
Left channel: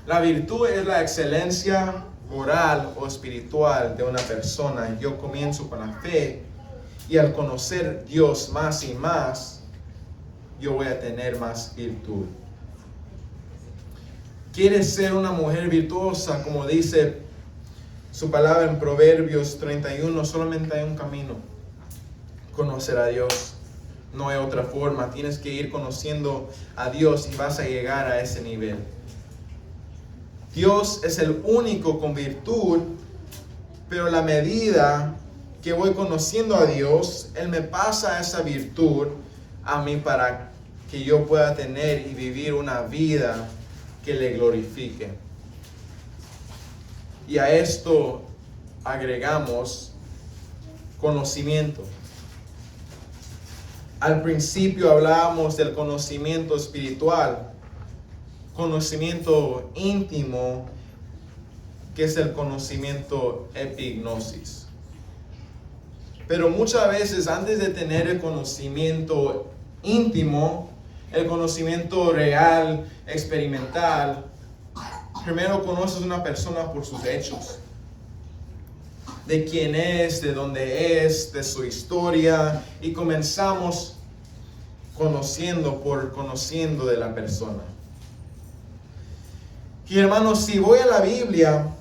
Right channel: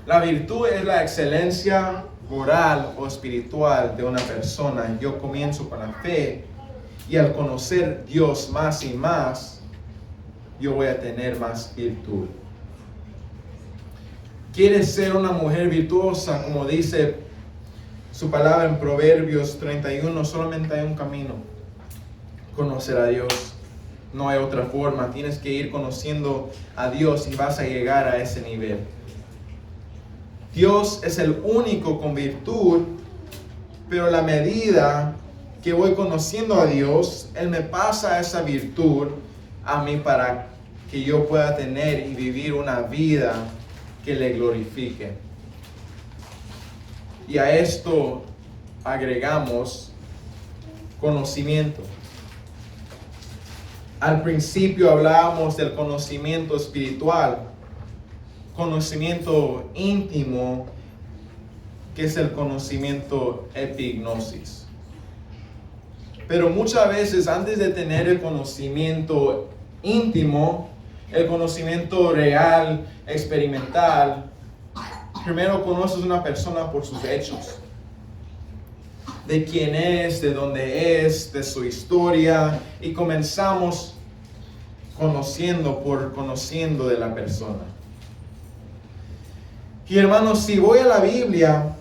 La virtud es la excelencia moral o espiritual de una persona. Yo comienzo con la fe y al conocer a Dios más y más, yo voy a tener más virtud. ¿Quieres ser una mujer virtuosa? Como dice su palabra en Proverbios 31, solamente hay un camino: conocer a Dios. No hay otra forma. Tienes que ir conociendo a Dios y vas a llegar a ese nivel. Dios es el único con virtud, pero a la medida que voy conociendo a Dios, Él me pasa esa virtud a mí para que yo pueda tener y vivir una vida que le glorifique. Y a esto agregamos conocimiento. Al principio hablábamos del conocimiento espiritual, conocimiento íntimo, que es el conocimiento epignosis. Pero muchas veces antes de tener el conocimiento íntimo, el conocimiento real, experimental, primero conoces a una persona por sus hechos. de quién es, de dónde es, de su historia, y comenzamos conociendo de la persona. Y hermanos, si voy a la Biblia,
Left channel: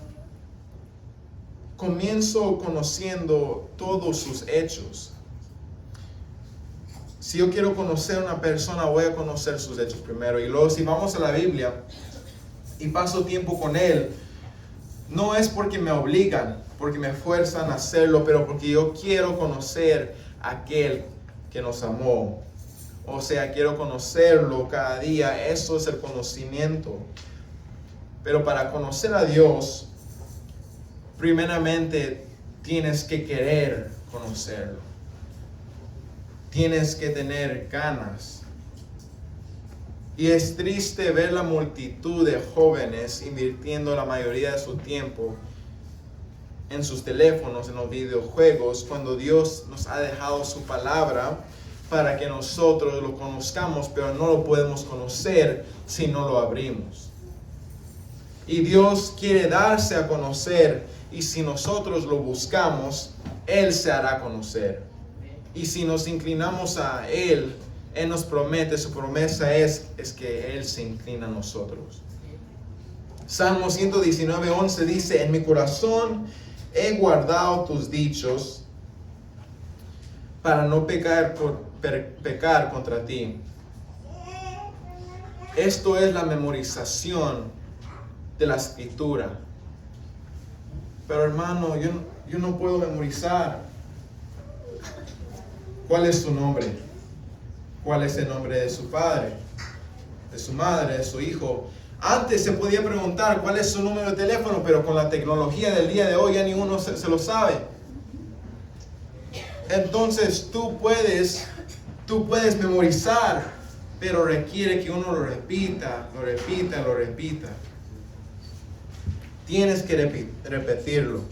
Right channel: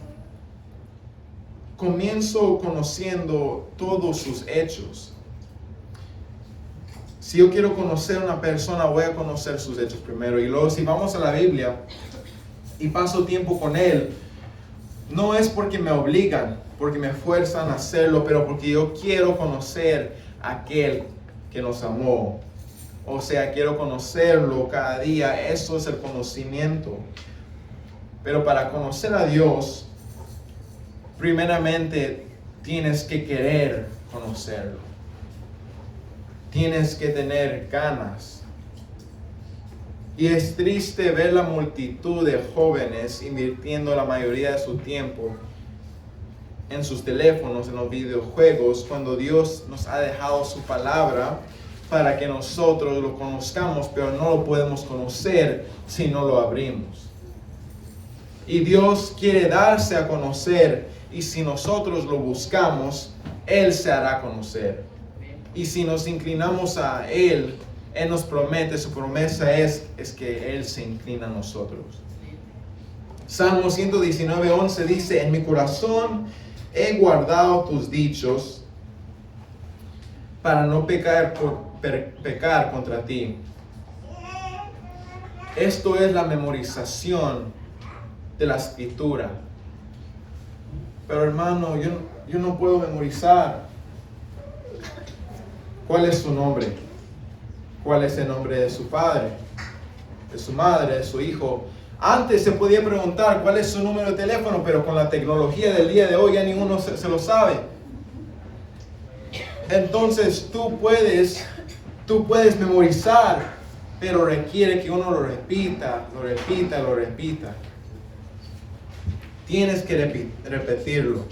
comienzo conociendo todos sus hechos. Si yo quiero conocer a una persona, voy a conocer sus hechos primero. Y luego si vamos a la Biblia y paso tiempo con él, no es porque me obligan, porque me fuerzan a hacerlo, pero porque yo quiero conocer a aquel que nos amó. O sea, quiero conocerlo cada día. Eso es el conocimiento. Pero para conocer a Dios, primeramente tienes que querer conocerlo. Tienes que tener ganas. Y es triste ver la multitud de jóvenes invirtiendo la mayoría de su tiempo en sus teléfonos, en los videojuegos, cuando Dios nos ha dejado su palabra para que nosotros lo conozcamos, pero no lo podemos conocer si no lo abrimos. Y Dios quiere darse a conocer, y si nosotros lo buscamos, Él se hará conocer. Y si nos inclinamos a Él, Él nos promete, su promesa es que Él se inclina a nosotros. Salmo 119:11 dice: en mi corazón he guardado tus dichos para no pecar contra ti. Esto es la memorización de la escritura. Pero hermano, yo no puedo memorizar. ¿Cuál es su nombre? ¿Cuál es el nombre de su padre, de su madre, de su hijo? Antes se podía preguntar cuál es su número de teléfono, pero con la tecnología del día de hoy ya ninguno se lo sabe. Entonces tú puedes memorizar, pero requiere que uno lo repita. Tienes que repetirlo.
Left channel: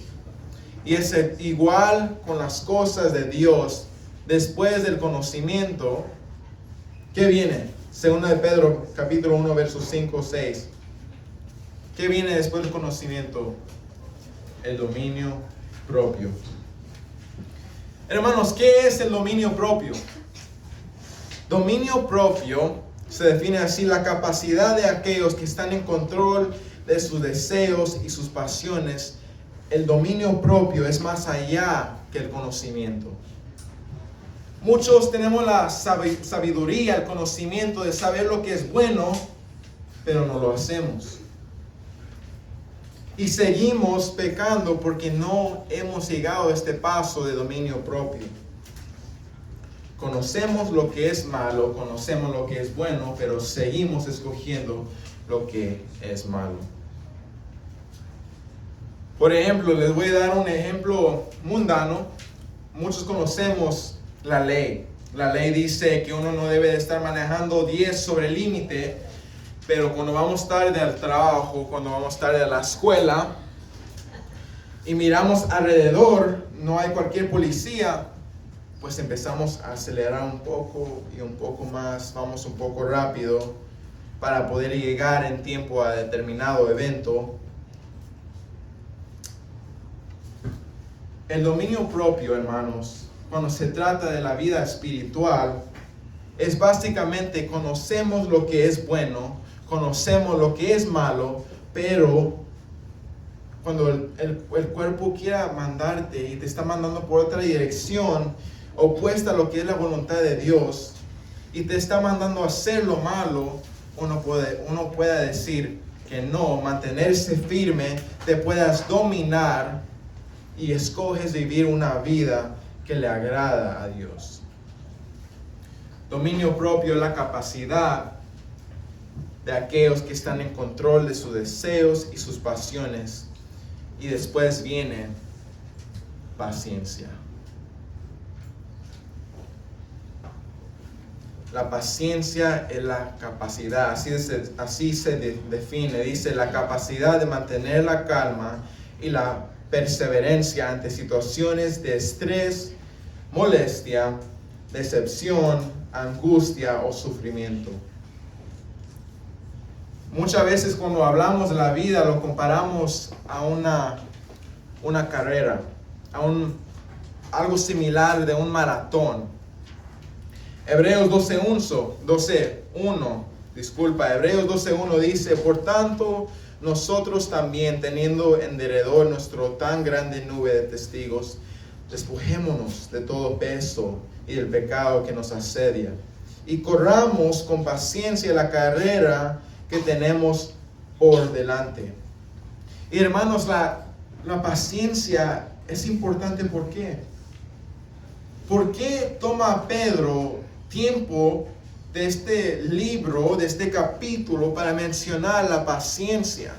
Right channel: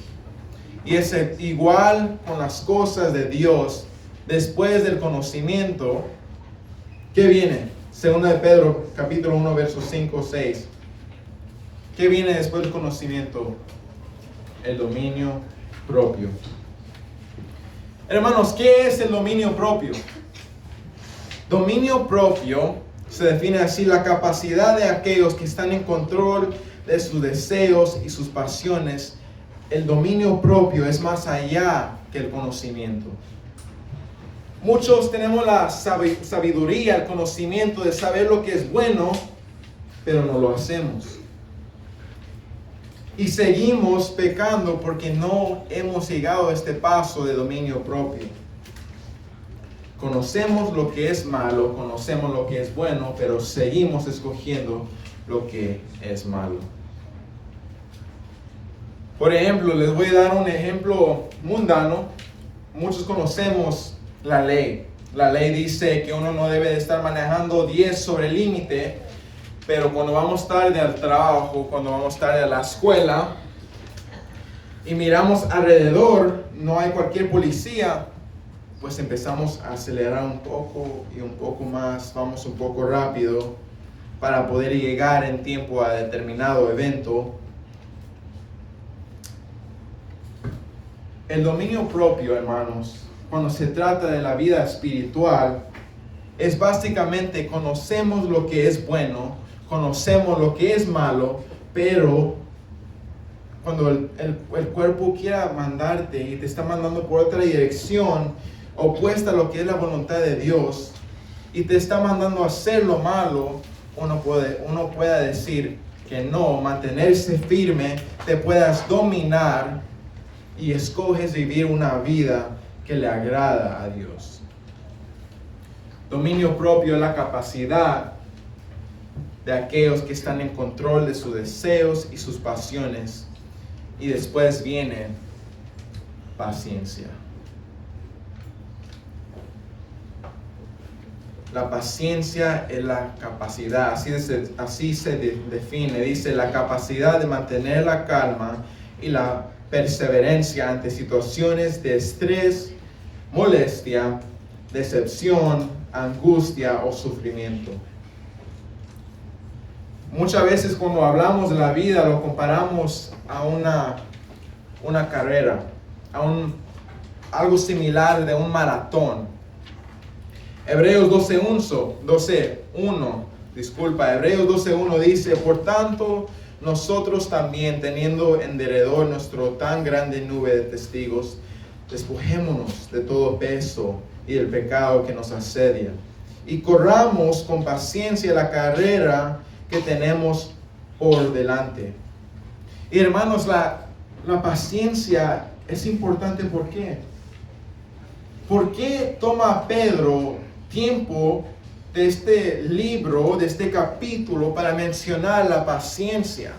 Y es igual con las cosas de Dios. Después del conocimiento, ¿qué viene? Segunda de Pedro, capítulo 1, versos 5, 6. ¿Qué viene después del conocimiento? El dominio propio. Hermanos, ¿qué es el dominio propio? Dominio propio se define así: la capacidad de aquellos que están en control de sus deseos y sus pasiones. El dominio propio es más allá que el conocimiento. Muchos tenemos la sabiduría, el conocimiento de saber lo que es bueno, pero no lo hacemos. Y seguimos pecando porque no hemos llegado a este paso de dominio propio. Conocemos lo que es malo, conocemos lo que es bueno, pero seguimos escogiendo lo que es malo. Por ejemplo, les voy a dar un ejemplo mundano. Muchos conocemos la ley. La ley dice que uno no debe de estar manejando 10 sobre el límite, pero cuando vamos tarde al trabajo, cuando vamos tarde a la escuela y miramos alrededor, no hay cualquier policía, pues empezamos a acelerar un poco y un poco más, vamos un poco rápido para poder llegar en tiempo a determinado evento. El dominio propio, hermanos, cuando se trata de la vida espiritual, es básicamente conocemos lo que es bueno, conocemos lo que es malo, pero cuando el cuerpo quiera mandarte y te está mandando por otra dirección, opuesta a lo que es la voluntad de Dios, y te está mandando a hacer lo malo, uno puede decir que no, mantenerse firme, te puedas dominar y escoges vivir una vida que le agrada a Dios. Dominio propio es la capacidad de aquellos que están en control de sus deseos y sus pasiones. Y después viene paciencia. La paciencia es la capacidad, así se define, dice: la capacidad de mantener la calma y la perseverancia ante situaciones de estrés, molestia, decepción, angustia o sufrimiento. Muchas veces cuando hablamos de la vida lo comparamos a una carrera. algo similar de un maratón. Hebreos 12:1 dice: por tanto, nosotros también, teniendo en derredor nuestro tan grande nube de testigos, despojémonos de todo peso y del pecado que nos asedia, y corramos con paciencia la carrera que tenemos por delante. Y hermanos, la paciencia es importante. ¿Por qué? ¿Por qué toma Pedro tiempo de este libro, de este capítulo, para mencionar la paciencia?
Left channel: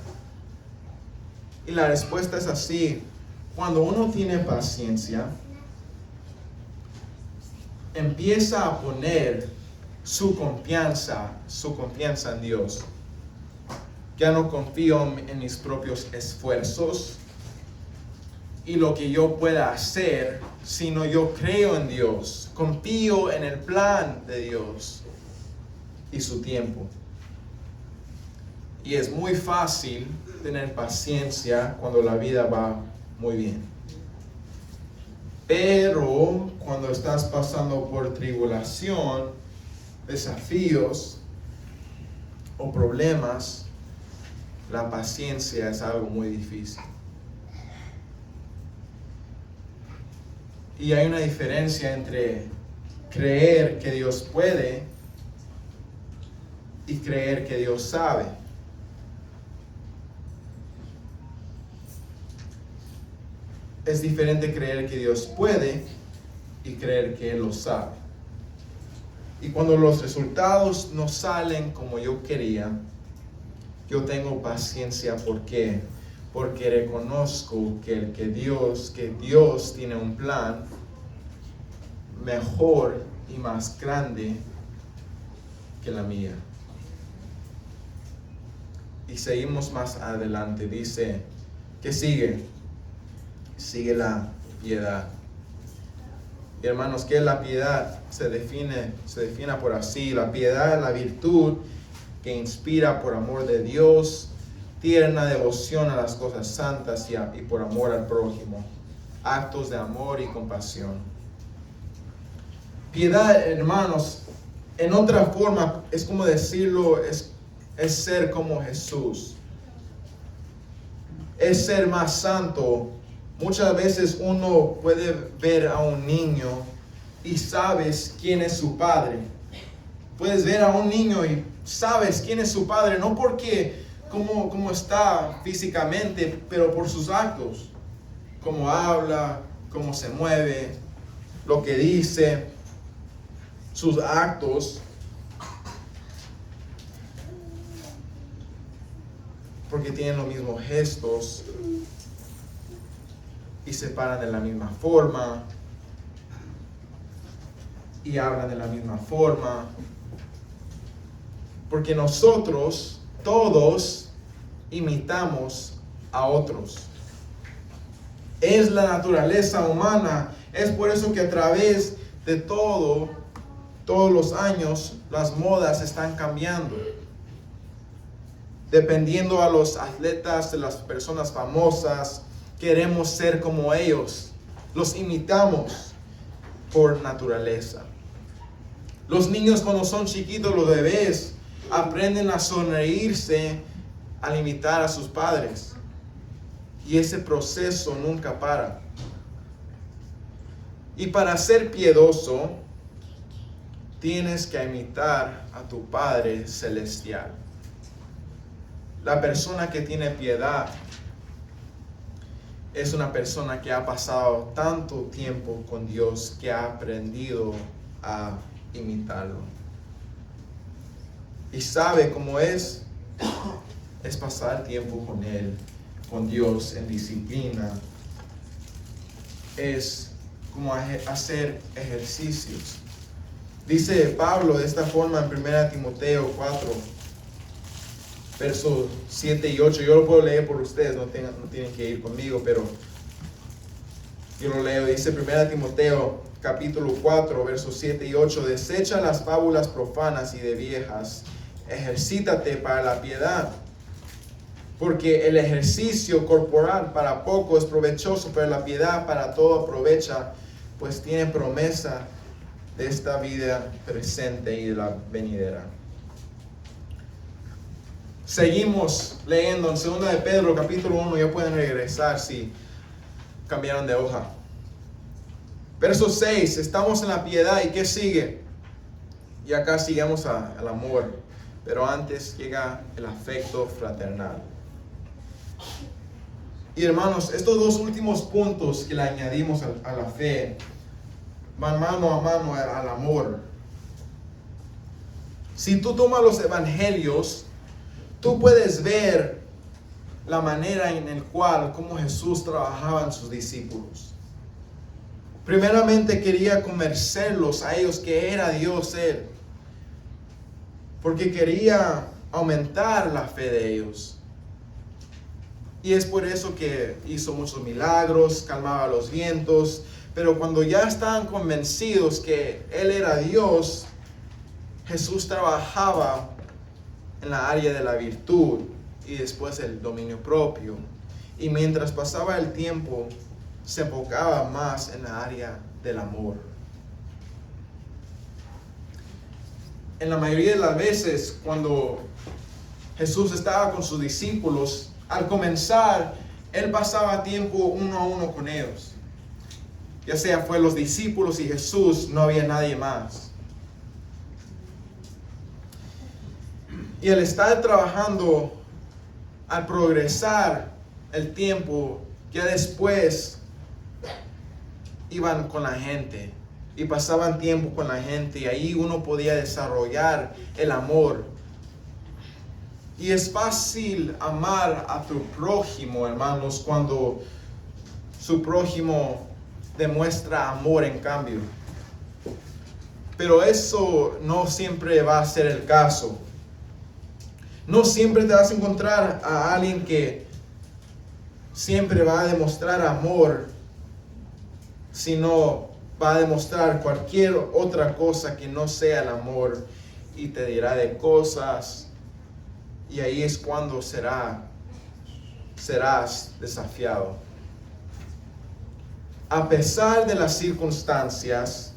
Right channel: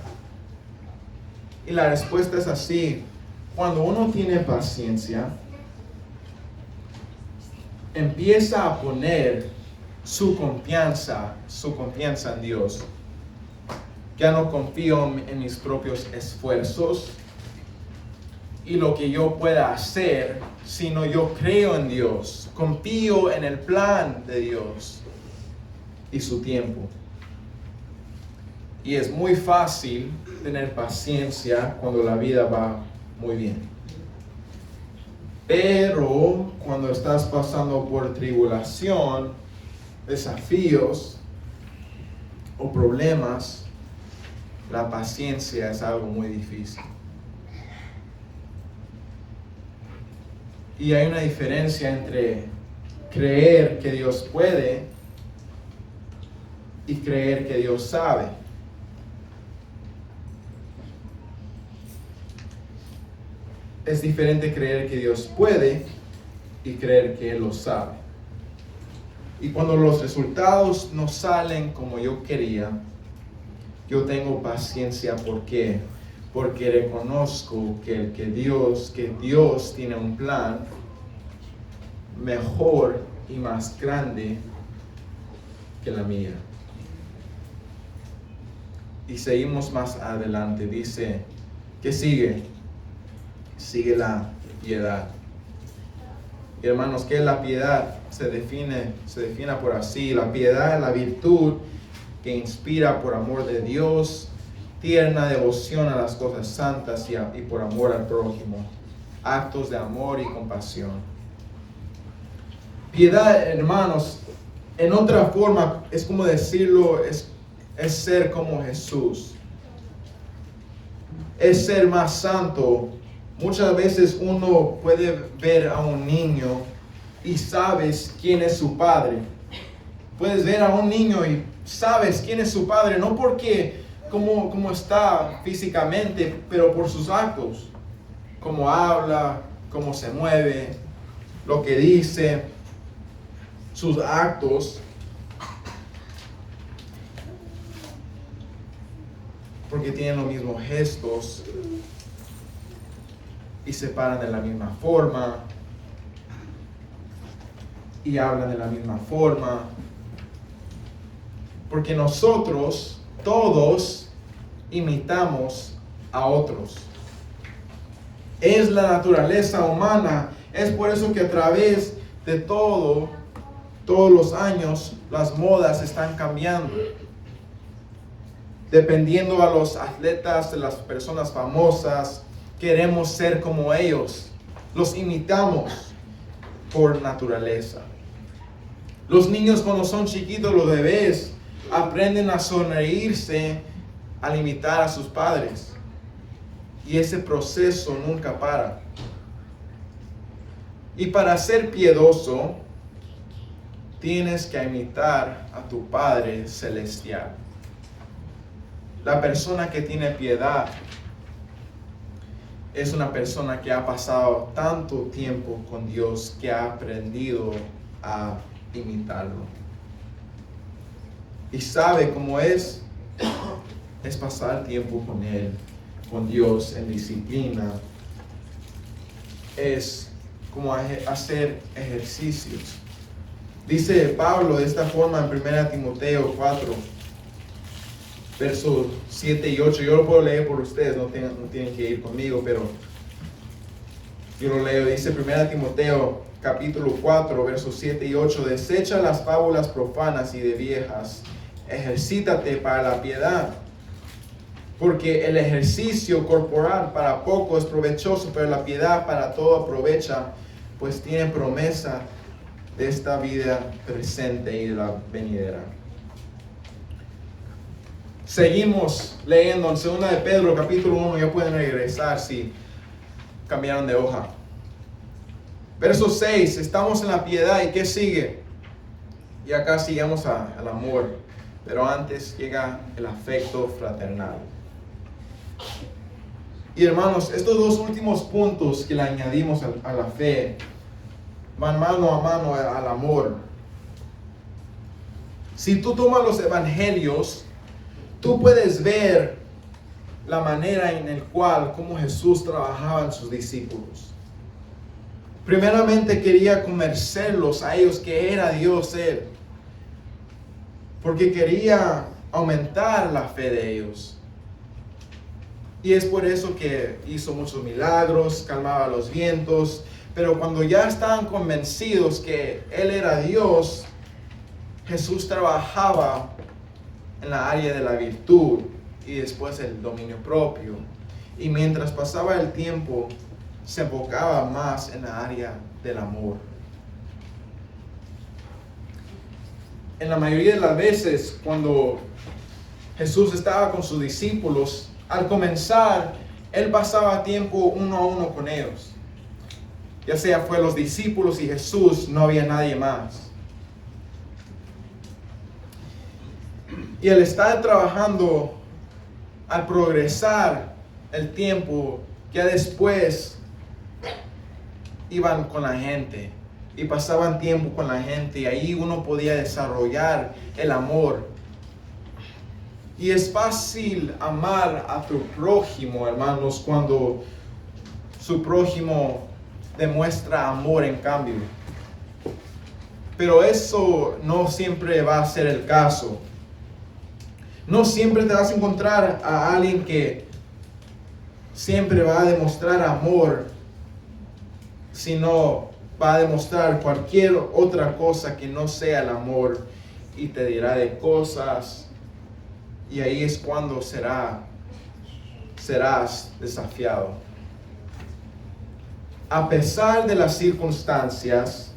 Y la respuesta es así: cuando uno tiene paciencia, empieza a poner su confianza en Dios. Ya no confío en mis propios esfuerzos y lo que yo pueda hacer, sino yo creo en Dios, confío en el plan de Dios y su tiempo. Y es muy fácil tener paciencia cuando la vida va muy bien. Pero cuando estás pasando por tribulación, desafíos o problemas, la paciencia es algo muy difícil. Y hay una diferencia entre creer que Dios puede y creer que Dios sabe. Es diferente creer que Dios puede y creer que Él lo sabe. Y cuando los resultados no salen como yo quería, yo tengo paciencia. ¿Por qué? Porque reconozco que Dios tiene un plan mejor y más grande que la mía. Y seguimos más adelante. Dice, ¿qué sigue? Sigue la piedad. Y hermanos, ¿qué es la piedad? Se define por así: la piedad es la virtud que inspira por amor de Dios, tierna devoción a las cosas santas y por amor al prójimo, actos de amor y compasión. Piedad, hermanos, en otra forma, es como decirlo, es ser como Jesús, es ser más santo. Muchas veces uno puede ver a un niño y sabes quién es su padre. Puedes ver a un niño y sabes quién es su padre, no porque cómo está físicamente, pero por sus actos, cómo habla, cómo se mueve, lo que dice, sus actos. Porque tienen los mismos gestos y se paran de la misma forma y hablan de la misma forma. Porque nosotros todos imitamos a otros. Es la naturaleza humana. Es por eso que a través de todos los años, las modas están cambiando. Dependiendo a los atletas, de las personas famosas, queremos ser como ellos. Los imitamos por naturaleza. Los niños, cuando son chiquitos, los bebés, aprenden a sonreírse al imitar a sus padres. Y ese proceso nunca para. Y para ser piedoso, tienes que imitar a tu Padre Celestial. La persona que tiene piedad es una persona que ha pasado tanto tiempo con Dios que ha aprendido a imitarlo. Y sabe cómo es pasar tiempo con Él, con Dios, en disciplina. Es como hacer ejercicios. Dice Pablo de esta forma en 1 Timoteo 4, versos 7 y 8. Yo lo puedo leer por ustedes, no tienen que ir conmigo, pero yo lo leo. Dice 1 Timoteo capítulo 4, versos 7 y 8. Desecha las fábulas profanas y de viejas, ejercítate para la piedad, Porque el ejercicio corporal para poco es provechoso, pero la piedad para todo aprovecha, pues tiene promesa de esta vida presente y de la venidera. Seguimos leyendo en 2 de Pedro capítulo 1, ya pueden regresar si cambiaron de hoja. Verso 6, estamos en la piedad, ¿y qué sigue? Y acá sigamos al amor, pero antes llega el afecto fraternal. Y hermanos, estos dos últimos puntos que le añadimos a la fe van mano a mano al amor. Si tú tomas los evangelios, tú puedes ver la manera en la cual cómo Jesús trabajaba en sus discípulos. Primeramente quería convencerlos a ellos que era Dios Él, porque quería aumentar la fe de ellos. Y es por eso que hizo muchos milagros, calmaba los vientos. Pero cuando ya estaban convencidos que Él era Dios, Jesús trabajaba en la área de la virtud y después el dominio propio. Y mientras pasaba el tiempo, se enfocaba más en la área del amor. En la mayoría de las veces, cuando Jesús estaba con sus discípulos, al comenzar, Él pasaba tiempo uno a uno con ellos. Ya sea fue los discípulos y Jesús, no había nadie más. Y al estar trabajando, al progresar el tiempo, ya después iban con la gente y pasaban tiempo con la gente y ahí uno podía desarrollar el amor. Y es fácil amar a tu prójimo, hermanos, cuando su prójimo demuestra amor en cambio. Pero eso no siempre va a ser el caso. No siempre te vas a encontrar a alguien que siempre va a demostrar amor, sino va a demostrar cualquier otra cosa que no sea el amor y te dirá de cosas, y ahí es cuando serás desafiado. A pesar de las circunstancias,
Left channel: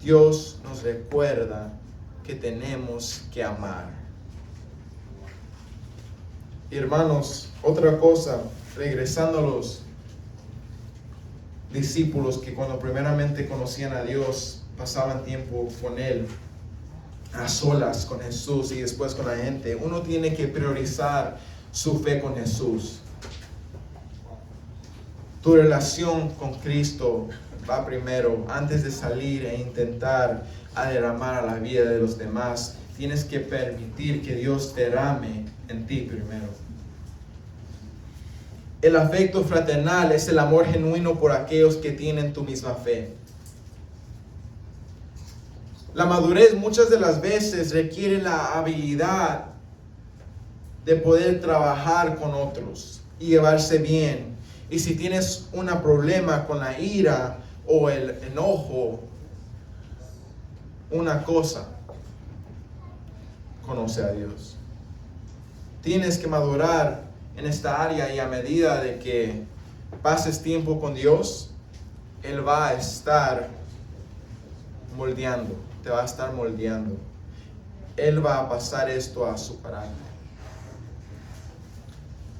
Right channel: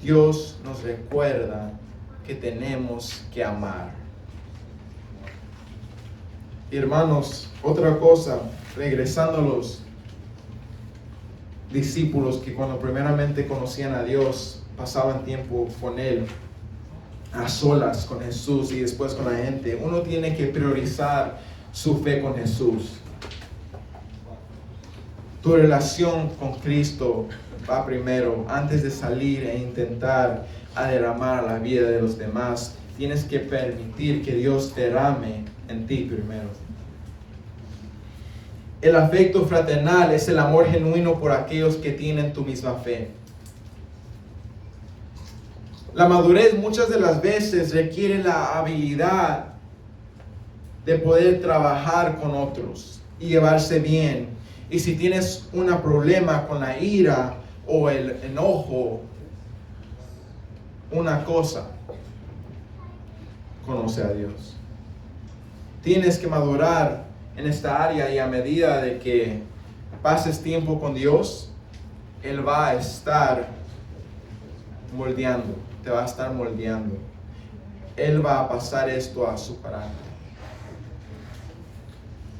Dios nos recuerda que tenemos que amar. Hermanos, otra cosa, regresando a los discípulos que cuando primeramente conocían a Dios, pasaban tiempo con Él, a solas con Jesús y después con la gente. Uno tiene que priorizar su fe con Jesús. Tu relación con Cristo va primero. Antes de salir e intentar derramar a la vida de los demás, tienes que permitir que Dios derrame en ti primero. El afecto fraternal es el amor genuino por aquellos que tienen tu misma fe. La madurez muchas de las veces requiere la habilidad de poder trabajar con otros y llevarse bien. Y si tienes un problema con la ira o el enojo, una cosa, conoce a Dios. Tienes que madurar en esta área y a medida de que pases tiempo con Dios, Él va a estar moldeando, te va a estar moldeando. Él va a pasar esto a su carácter.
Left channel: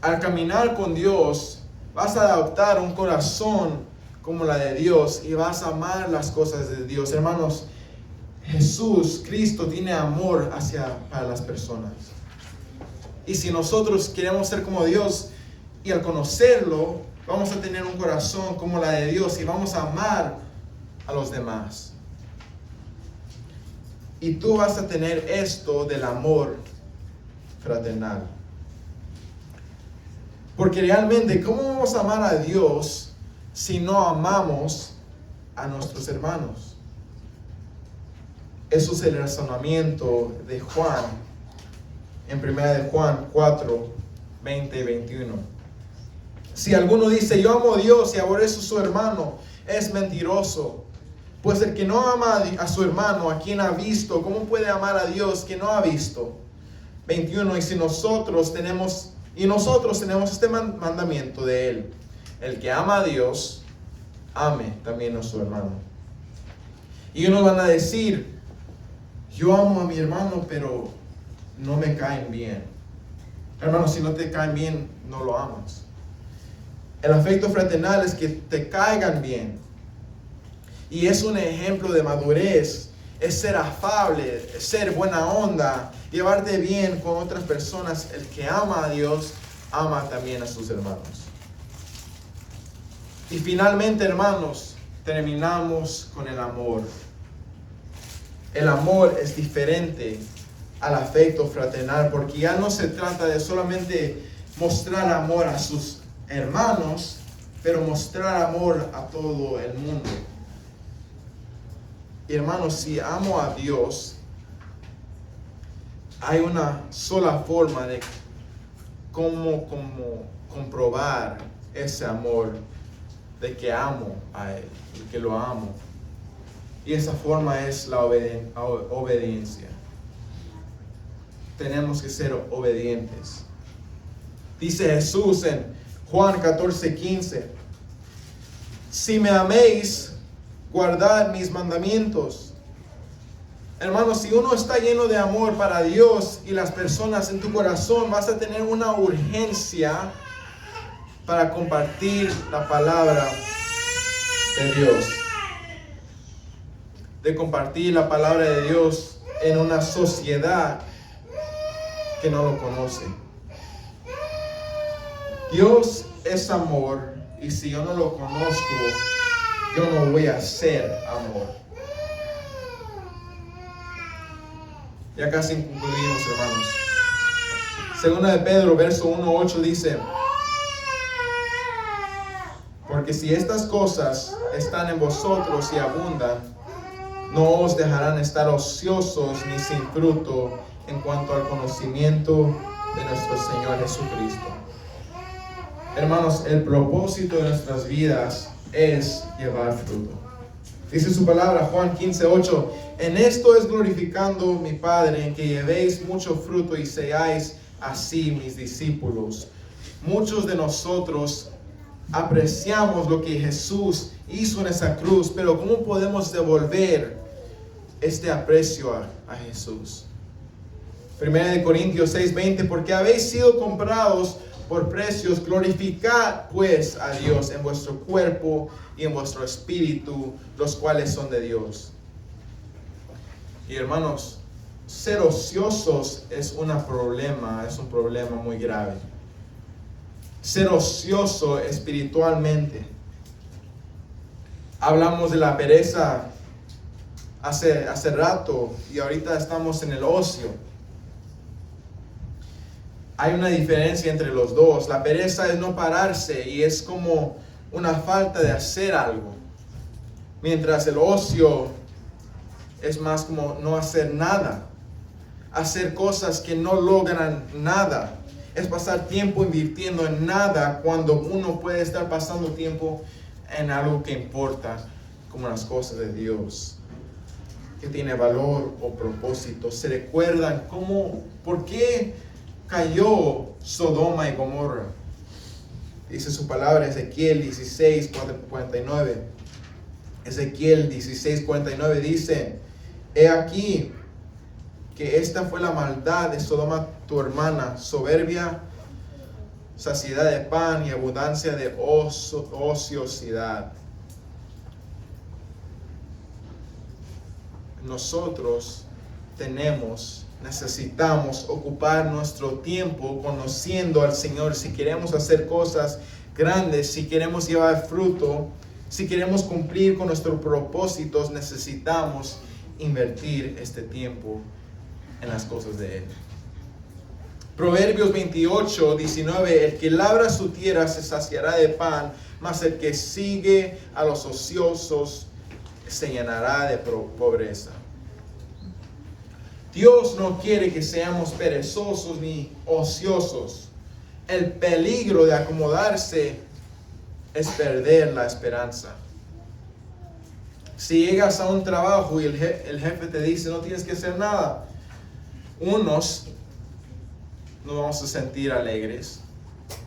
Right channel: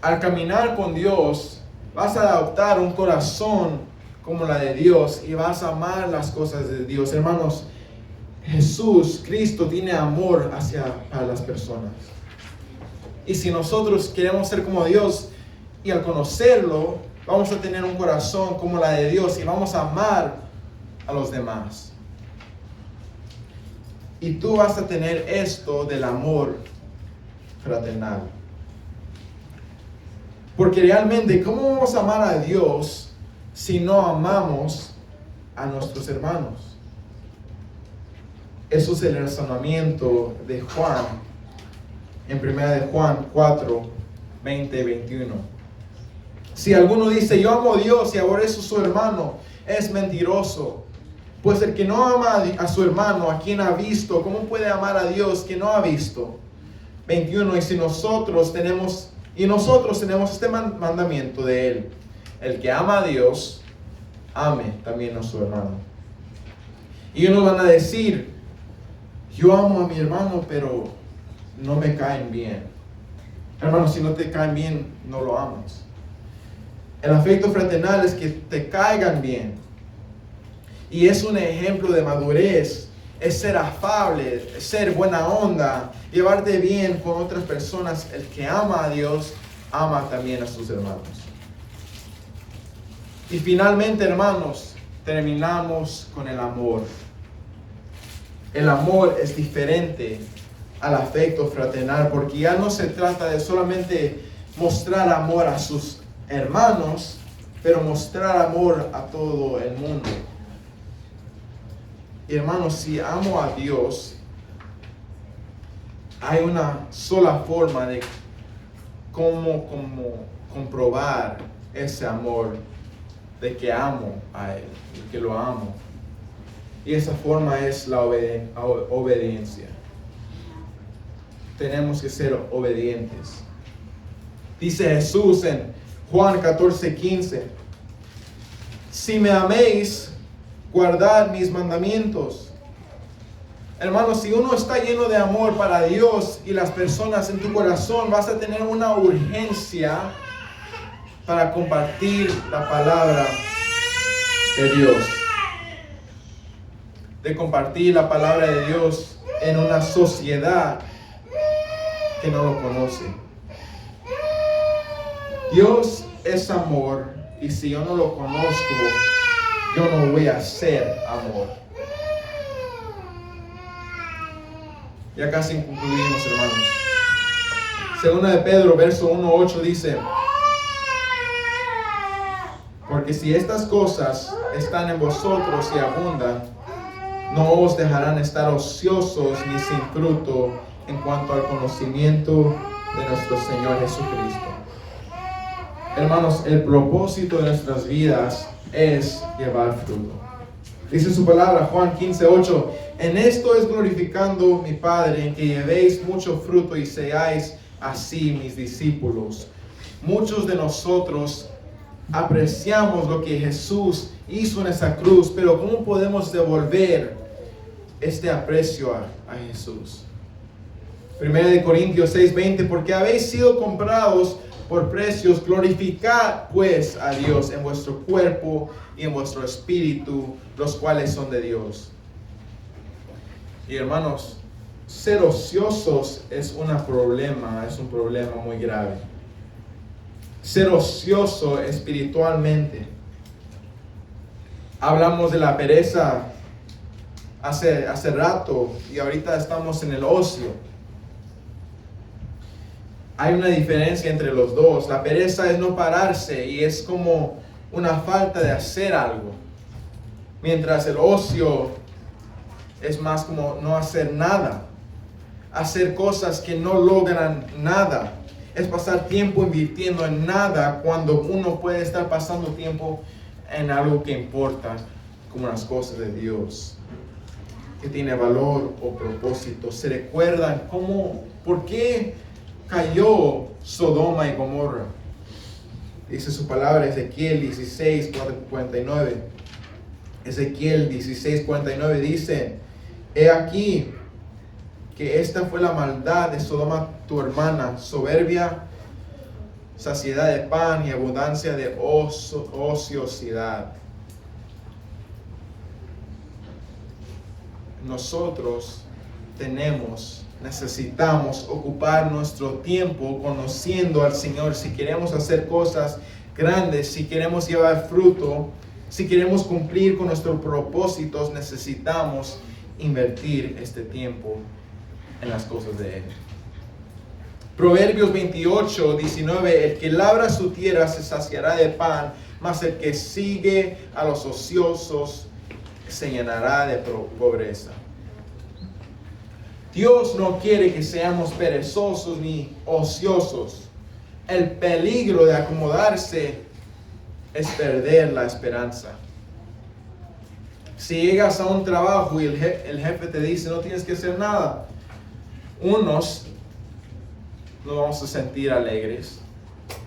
Al caminar con Dios, vas a adoptar un corazón como la de Dios y vas a amar las cosas de Dios. Hermanos, Jesús, Cristo, tiene amor para las personas. Y si nosotros queremos ser como Dios y al conocerlo, vamos a tener un corazón como la de Dios y vamos a amar a los demás. Y tú vas a tener esto del amor fraternal. Porque realmente, ¿cómo vamos a amar a Dios si no amamos a nuestros hermanos? Eso es el razonamiento de Juan, en 1 de Juan 4, 20 y 21. Si alguno dice, yo amo a Dios y aborrezco a su hermano, es mentiroso. Pues el que no ama a su hermano, a quien ha visto, ¿cómo puede amar a Dios que no ha visto? 21. Y nosotros tenemos este mandamiento de Él: el que ama a Dios, ame también a su hermano. Y unos van a decir: yo amo a mi hermano, pero no me caen bien. Hermano, si no te caen bien, no lo amas. El afecto fraternal es que te caigan bien. Y es un ejemplo de madurez. Es ser afable, es ser buena onda, llevarte bien con otras personas. El que ama a Dios, ama también a sus hermanos. Y finalmente, hermanos, terminamos con el amor. El amor es diferente al afecto fraternal, porque ya no se trata de solamente mostrar amor a sus hermanos, pero mostrar amor a todo el mundo. Y hermanos, si amo a Dios, hay una sola forma de cómo comprobar ese amor, de que amo a Él, de que lo amo. Y esa forma es la obediencia. Tenemos que ser obedientes. Dice Jesús en Juan 14:15: si me améis, guardad mis mandamientos. Hermanos, si uno está lleno de amor para Dios y las personas en tu corazón, vas a tener una urgencia para compartir la palabra de Dios. De compartir la palabra de Dios en una sociedad que no lo conoce. Dios es amor, y si yo no lo conozco, yo no voy a ser amor. Ya casi concluimos, hermanos. Segunda de Pedro, verso 1:8 dice: porque si estas cosas están en vosotros y abundan, no os dejarán estar ociosos ni sin fruto en cuanto al conocimiento de nuestro Señor Jesucristo. Hermanos, el propósito de nuestras vidas es llevar fruto. Dice su palabra, Juan 15:8: en esto es glorificando mi Padre, en que llevéis mucho fruto y seáis así mis discípulos. Muchos de nosotros apreciamos lo que Jesús hizo en esa cruz, pero ¿cómo podemos devolver este aprecio a Jesús? 1 Corintios 6:20: porque habéis sido comprados por precios, glorificad pues a Dios en vuestro cuerpo y en vuestro espíritu, los cuales son de Dios. Y hermanos, ser ociosos es un problema muy grave. Ser ocioso espiritualmente. Hablamos de la pereza hace rato, y ahorita estamos en el ocio. Hay una diferencia entre los dos. La pereza es no pararse y es como una falta de hacer algo. Mientras el ocio es más como no hacer nada. Hacer cosas que no logran nada. Es pasar tiempo invirtiendo en nada cuando uno puede estar pasando tiempo en algo que importa, como las cosas de Dios, que tiene valor o propósito. ¿Se recuerdan por qué cayó Sodoma y Gomorra? Dice su palabra, Ezequiel 16:49. Ezequiel 16:49 dice: he aquí que esta fue la maldad de Sodoma tu hermana, soberbia, saciedad de pan y abundancia de ociosidad. Nosotros necesitamos ocupar nuestro tiempo conociendo al Señor. Si queremos hacer cosas grandes, si queremos llevar fruto, si queremos cumplir con nuestros propósitos, necesitamos invertir este tiempo en las cosas de Él. Proverbios 28:19: el que labra su tierra se saciará de pan, mas el que sigue a los ociosos se llenará de pobreza. Dios no quiere que seamos perezosos ni ociosos. El peligro de acomodarse es perder la esperanza. Si llegas a un trabajo y el jefe te dice no tienes que hacer nada, unos nos vamos a sentir alegres.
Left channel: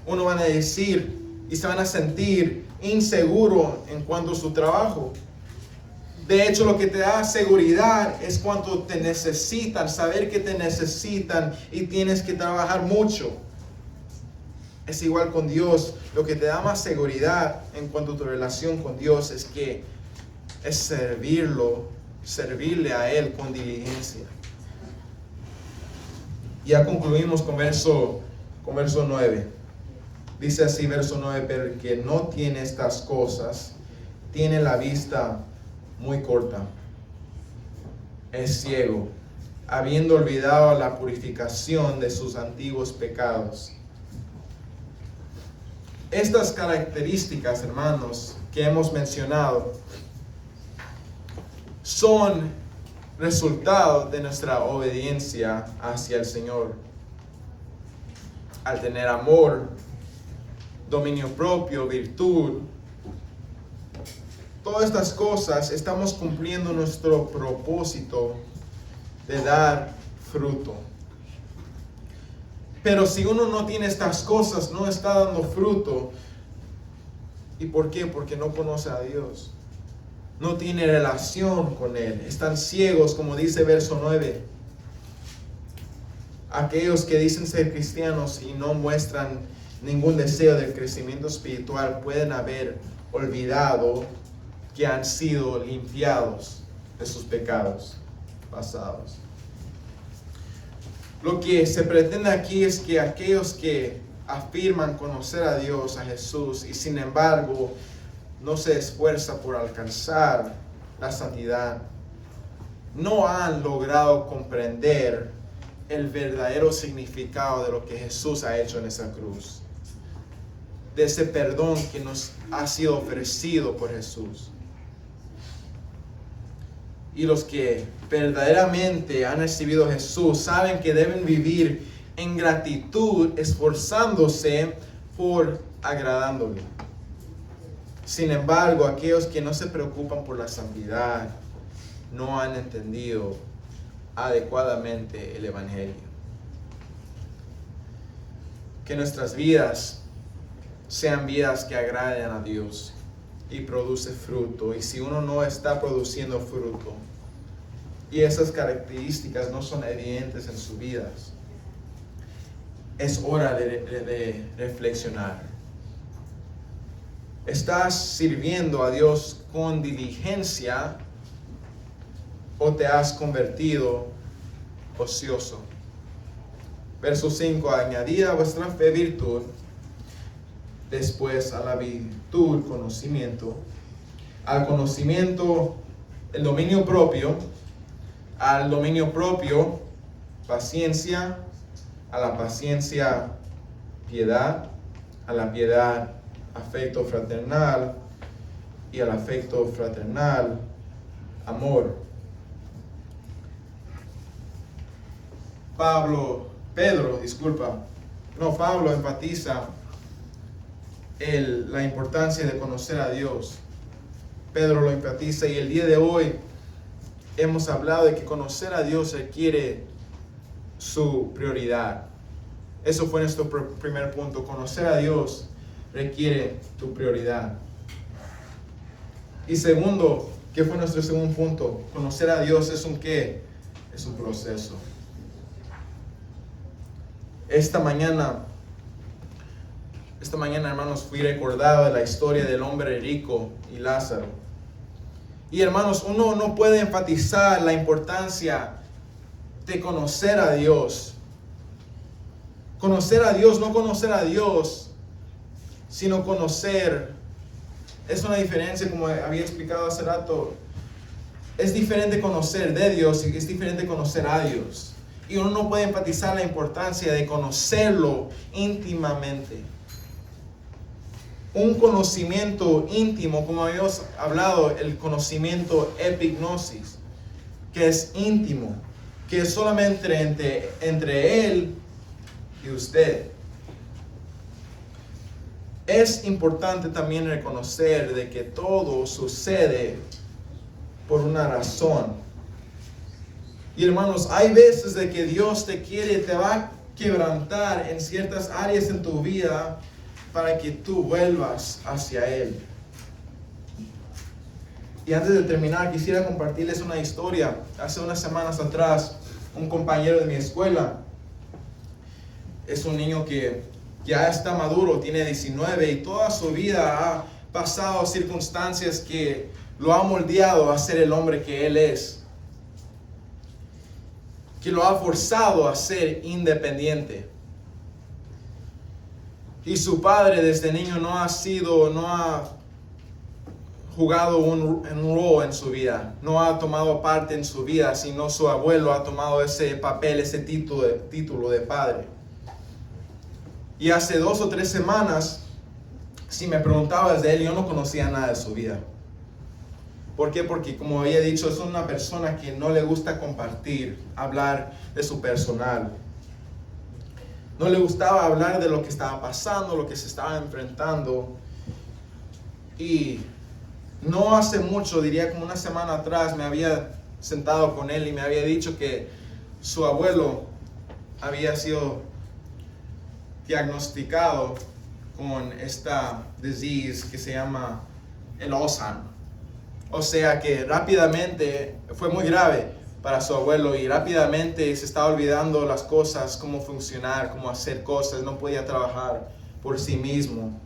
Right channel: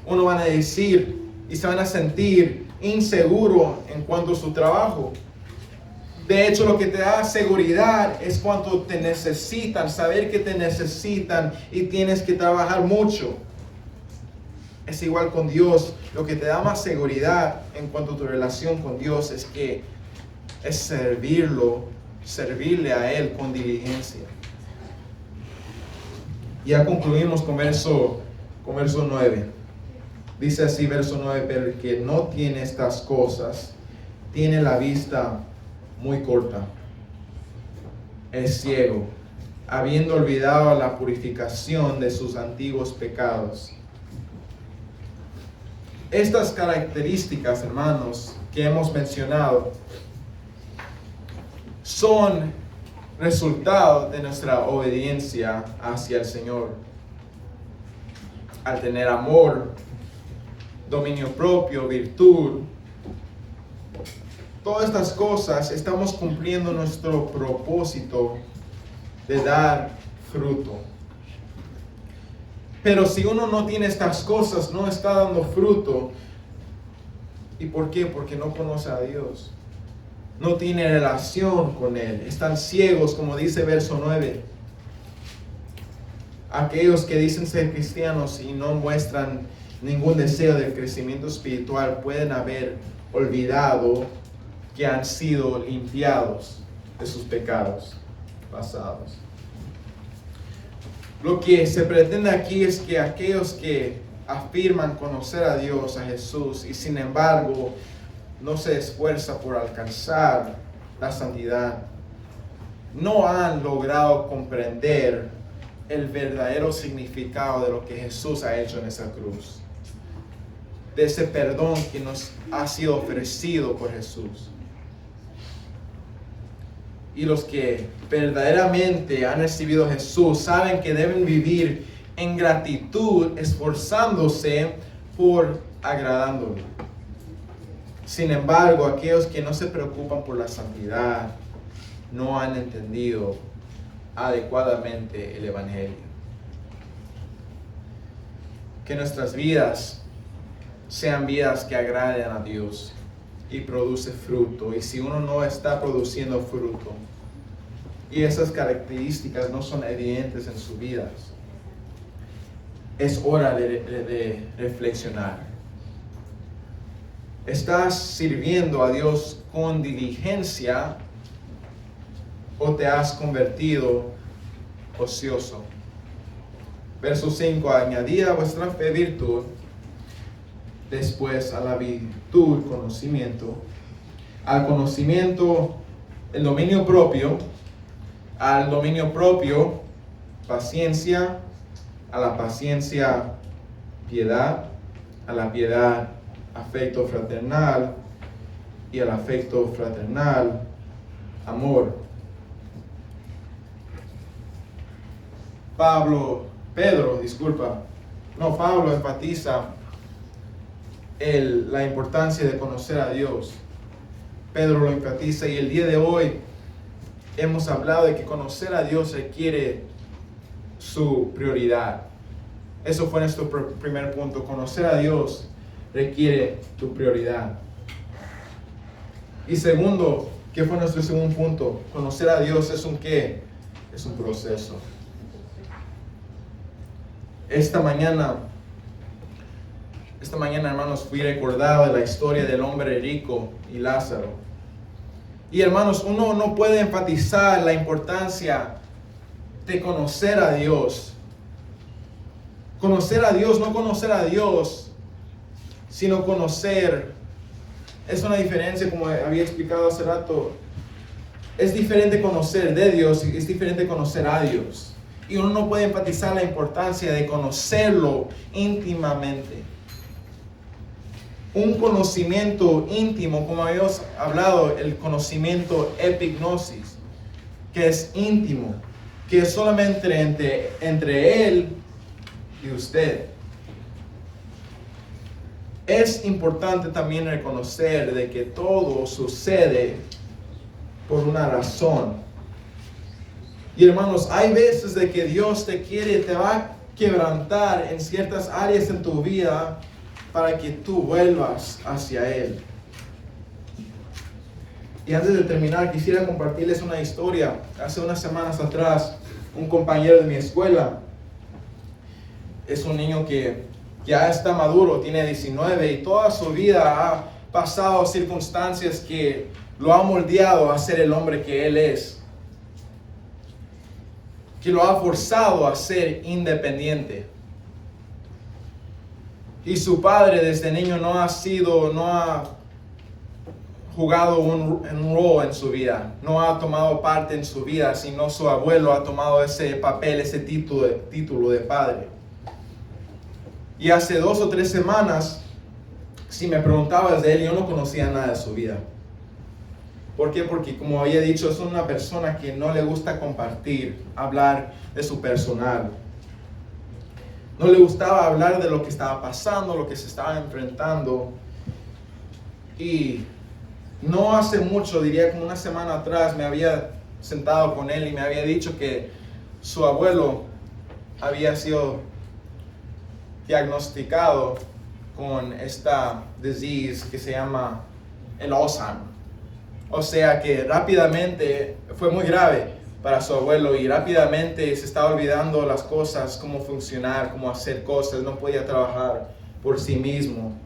Unos van a decir y se van a sentir inseguros en cuanto a su trabajo. De hecho, lo que te da seguridad es cuando te necesitan, saber que te necesitan y tienes que trabajar mucho. Es igual con Dios. Lo que te da más seguridad en cuanto a tu relación con Dios es servirle a Él con diligencia. Ya concluimos con verso 9. Dice así, verso 9, pero el que no tiene estas cosas, tiene la vista muy corta, es ciego, habiendo olvidado la purificación de sus antiguos pecados. Estas características, hermanos, que hemos mencionado, son resultado de nuestra obediencia hacia el Señor. Al tener amor, dominio propio, virtud, todas estas cosas, estamos cumpliendo nuestro propósito de dar fruto. Pero si uno no tiene estas cosas, no está dando fruto. ¿Y por qué? Porque no conoce a Dios. No tiene relación con Él. Están ciegos, como dice verso 9. Aquellos que dicen ser cristianos y no muestran ningún deseo del crecimiento espiritual pueden haber olvidado que han sido limpiados de sus pecados pasados. Lo que se pretende aquí es que aquellos que afirman conocer a Dios, a Jesús, y sin embargo no se esfuerza por alcanzar la santidad, no han logrado comprender el verdadero significado de lo que Jesús ha hecho en esa cruz, de ese perdón que nos ha sido ofrecido por Jesús. Y los que verdaderamente han recibido a Jesús saben que deben vivir en gratitud, esforzándose por agradándole. Sin embargo, aquellos que no se preocupan por la santidad no han entendido adecuadamente el Evangelio. Que nuestras vidas sean vidas que agraden a Dios y produce fruto. Y si uno no está produciendo fruto y esas características no son evidentes en sus vidas, es hora de reflexionar. ¿Estás sirviendo a Dios con diligencia o te has convertido ocioso? Verso 5, añadid a vuestra fe virtud, después a la virtud conocimiento, al conocimiento el dominio propio, al dominio propio paciencia, a la paciencia piedad, a la piedad afecto fraternal y al afecto fraternal amor. Pablo enfatiza la importancia de conocer a Dios. Pedro lo enfatiza, y el día de hoy hemos hablado de que conocer a Dios requiere su prioridad. Eso fue nuestro primer punto. Conocer a Dios requiere tu prioridad. Y segundo, ¿qué fue nuestro segundo punto? Conocer a Dios es un ¿qué? Es un proceso. Esta mañana, hermanos, fui recordado de la historia del hombre rico y Lázaro. Y hermanos, uno no puede enfatizar la importancia de conocer a Dios. Conocer a Dios, no conocer a Dios, sino conocer. Es una diferencia, como había explicado hace rato. Es diferente conocer de Dios y es diferente conocer a Dios. Y uno no puede enfatizar la importancia de conocerlo íntimamente. Un conocimiento íntimo, como habíamos hablado, el conocimiento epignosis, que es íntimo, que es solamente entre Él y usted. Es importante también reconocer de que todo sucede por una razón. Y hermanos, hay veces de que Dios te va a quebrantar en ciertas áreas en tu vida para que tú vuelvas hacia Él. Y antes de terminar, quisiera compartirles una historia. Hace unas semanas atrás, un compañero de mi escuela, es un niño que ya está maduro, tiene 19 y toda su vida ha pasado circunstancias que lo ha moldeado a ser el hombre que él es, que lo ha forzado a ser independiente. Y su padre desde niño no ha jugado un rol en su vida, no ha tomado parte en su vida, sino su abuelo ha tomado ese papel, ese título de padre. Y hace 2 o 3 semanas, si me preguntabas de él, yo no conocía nada de su vida. ¿Por qué? Porque como había dicho, es una persona que no le gusta compartir, hablar de su personal. No le gustaba hablar de lo que estaba pasando, lo que se estaba enfrentando. Y no hace mucho, diría como una semana atrás, me había sentado con él y me había dicho que su abuelo había sido diagnosticado con esta disease que se llama el Alzheimer. O sea que rápidamente fue muy grave para su abuelo y rápidamente se estaba olvidando las cosas, cómo funcionar, cómo hacer cosas, no podía trabajar por sí mismo.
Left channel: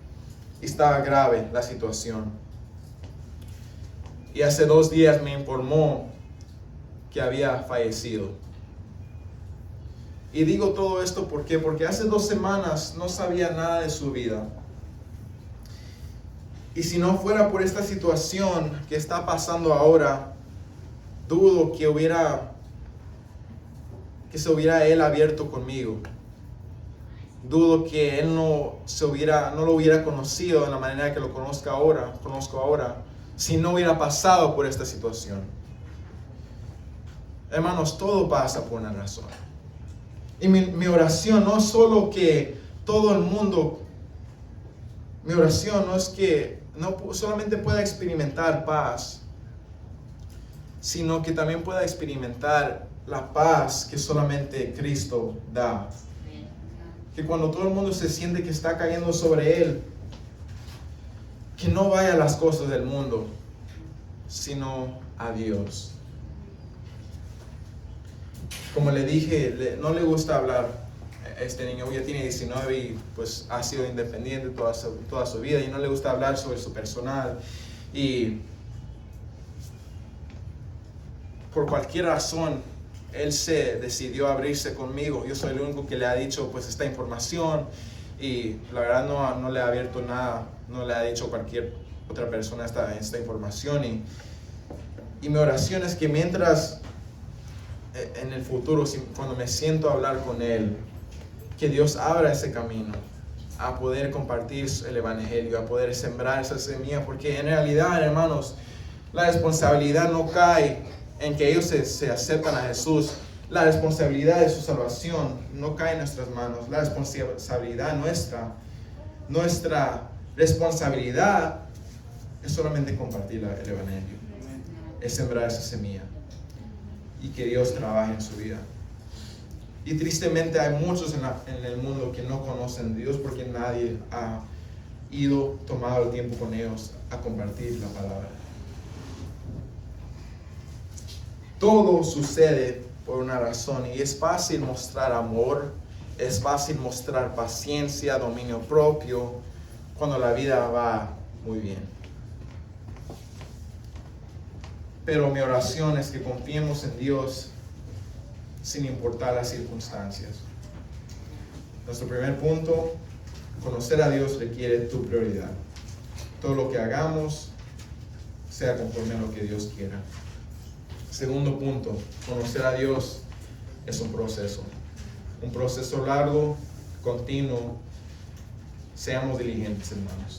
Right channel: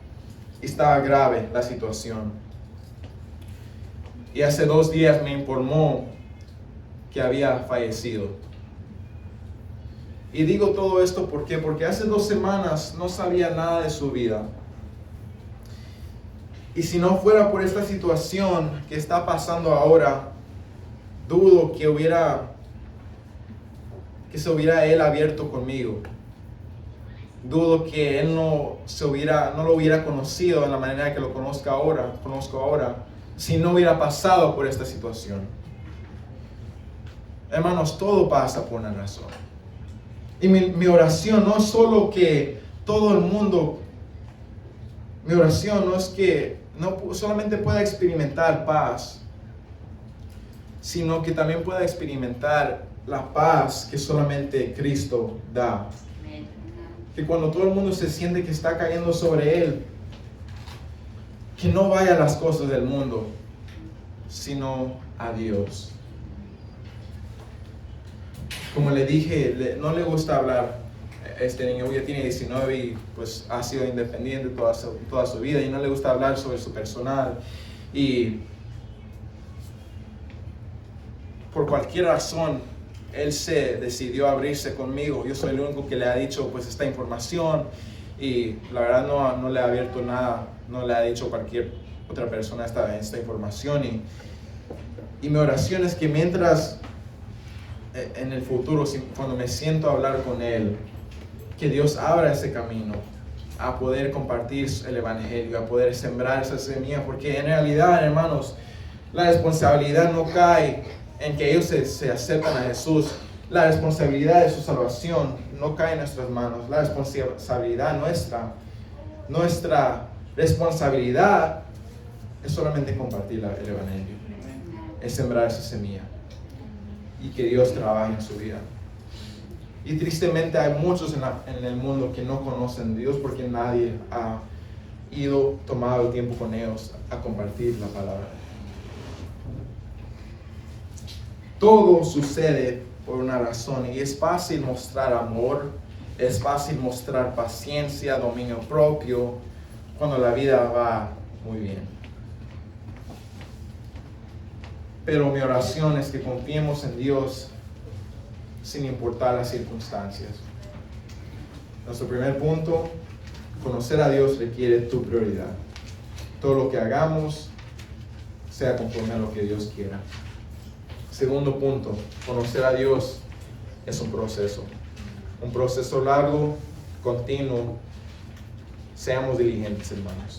Y estaba grave la situación. Y hace 2 días me informó que había fallecido. Y digo todo esto porque hace 2 semanas no sabía nada de su vida. Y si no fuera por esta situación que está pasando ahora, dudo que se hubiera él abierto conmigo. Dudo que él no lo hubiera conocido de la manera que lo conozco ahora, si no hubiera pasado por esta situación. Hermanos, todo pasa por una razón. Y mi oración no es solo que todo el mundo, mi oración no es que no solamente pueda experimentar paz, sino que también pueda experimentar la paz que solamente Cristo da. Que cuando todo el mundo se siente que está cayendo sobre Él, que no vaya a las cosas del mundo, sino a Dios. Como le dije, no le gusta hablar. Este niño ya tiene 19 y pues ha sido independiente toda su vida y no le gusta hablar sobre su personal. Y por cualquier razón, él se decidió abrirse conmigo. Yo soy el único que le ha dicho pues esta información y la verdad no le ha abierto nada, no le ha dicho cualquier otra persona esta información. Y mi oración es que mientras en el futuro, cuando me siento a hablar con él, que Dios abra ese camino a poder compartir el evangelio, a poder sembrar esa semilla, porque en realidad, hermanos, la responsabilidad no cae en que ellos se aceptan a Jesús. La responsabilidad de su salvación no cae en nuestras manos. La responsabilidad nuestra responsabilidad es solamente compartir el evangelio, es sembrar esa semilla y que Dios trabaje en su vida. Y tristemente hay muchos en el mundo que no conocen a Dios porque nadie ha tomado el tiempo con ellos a compartir la palabra. Todo sucede por una razón y es fácil mostrar amor, es fácil mostrar paciencia, dominio propio cuando la vida va muy bien. Pero mi oración es que confiemos en Dios sin importar las circunstancias. Nuestro primer punto, conocer a Dios requiere tu prioridad. Todo lo que hagamos sea conforme a lo que Dios quiera. Segundo punto, conocer a Dios es un proceso largo, continuo. Seamos diligentes, hermanos.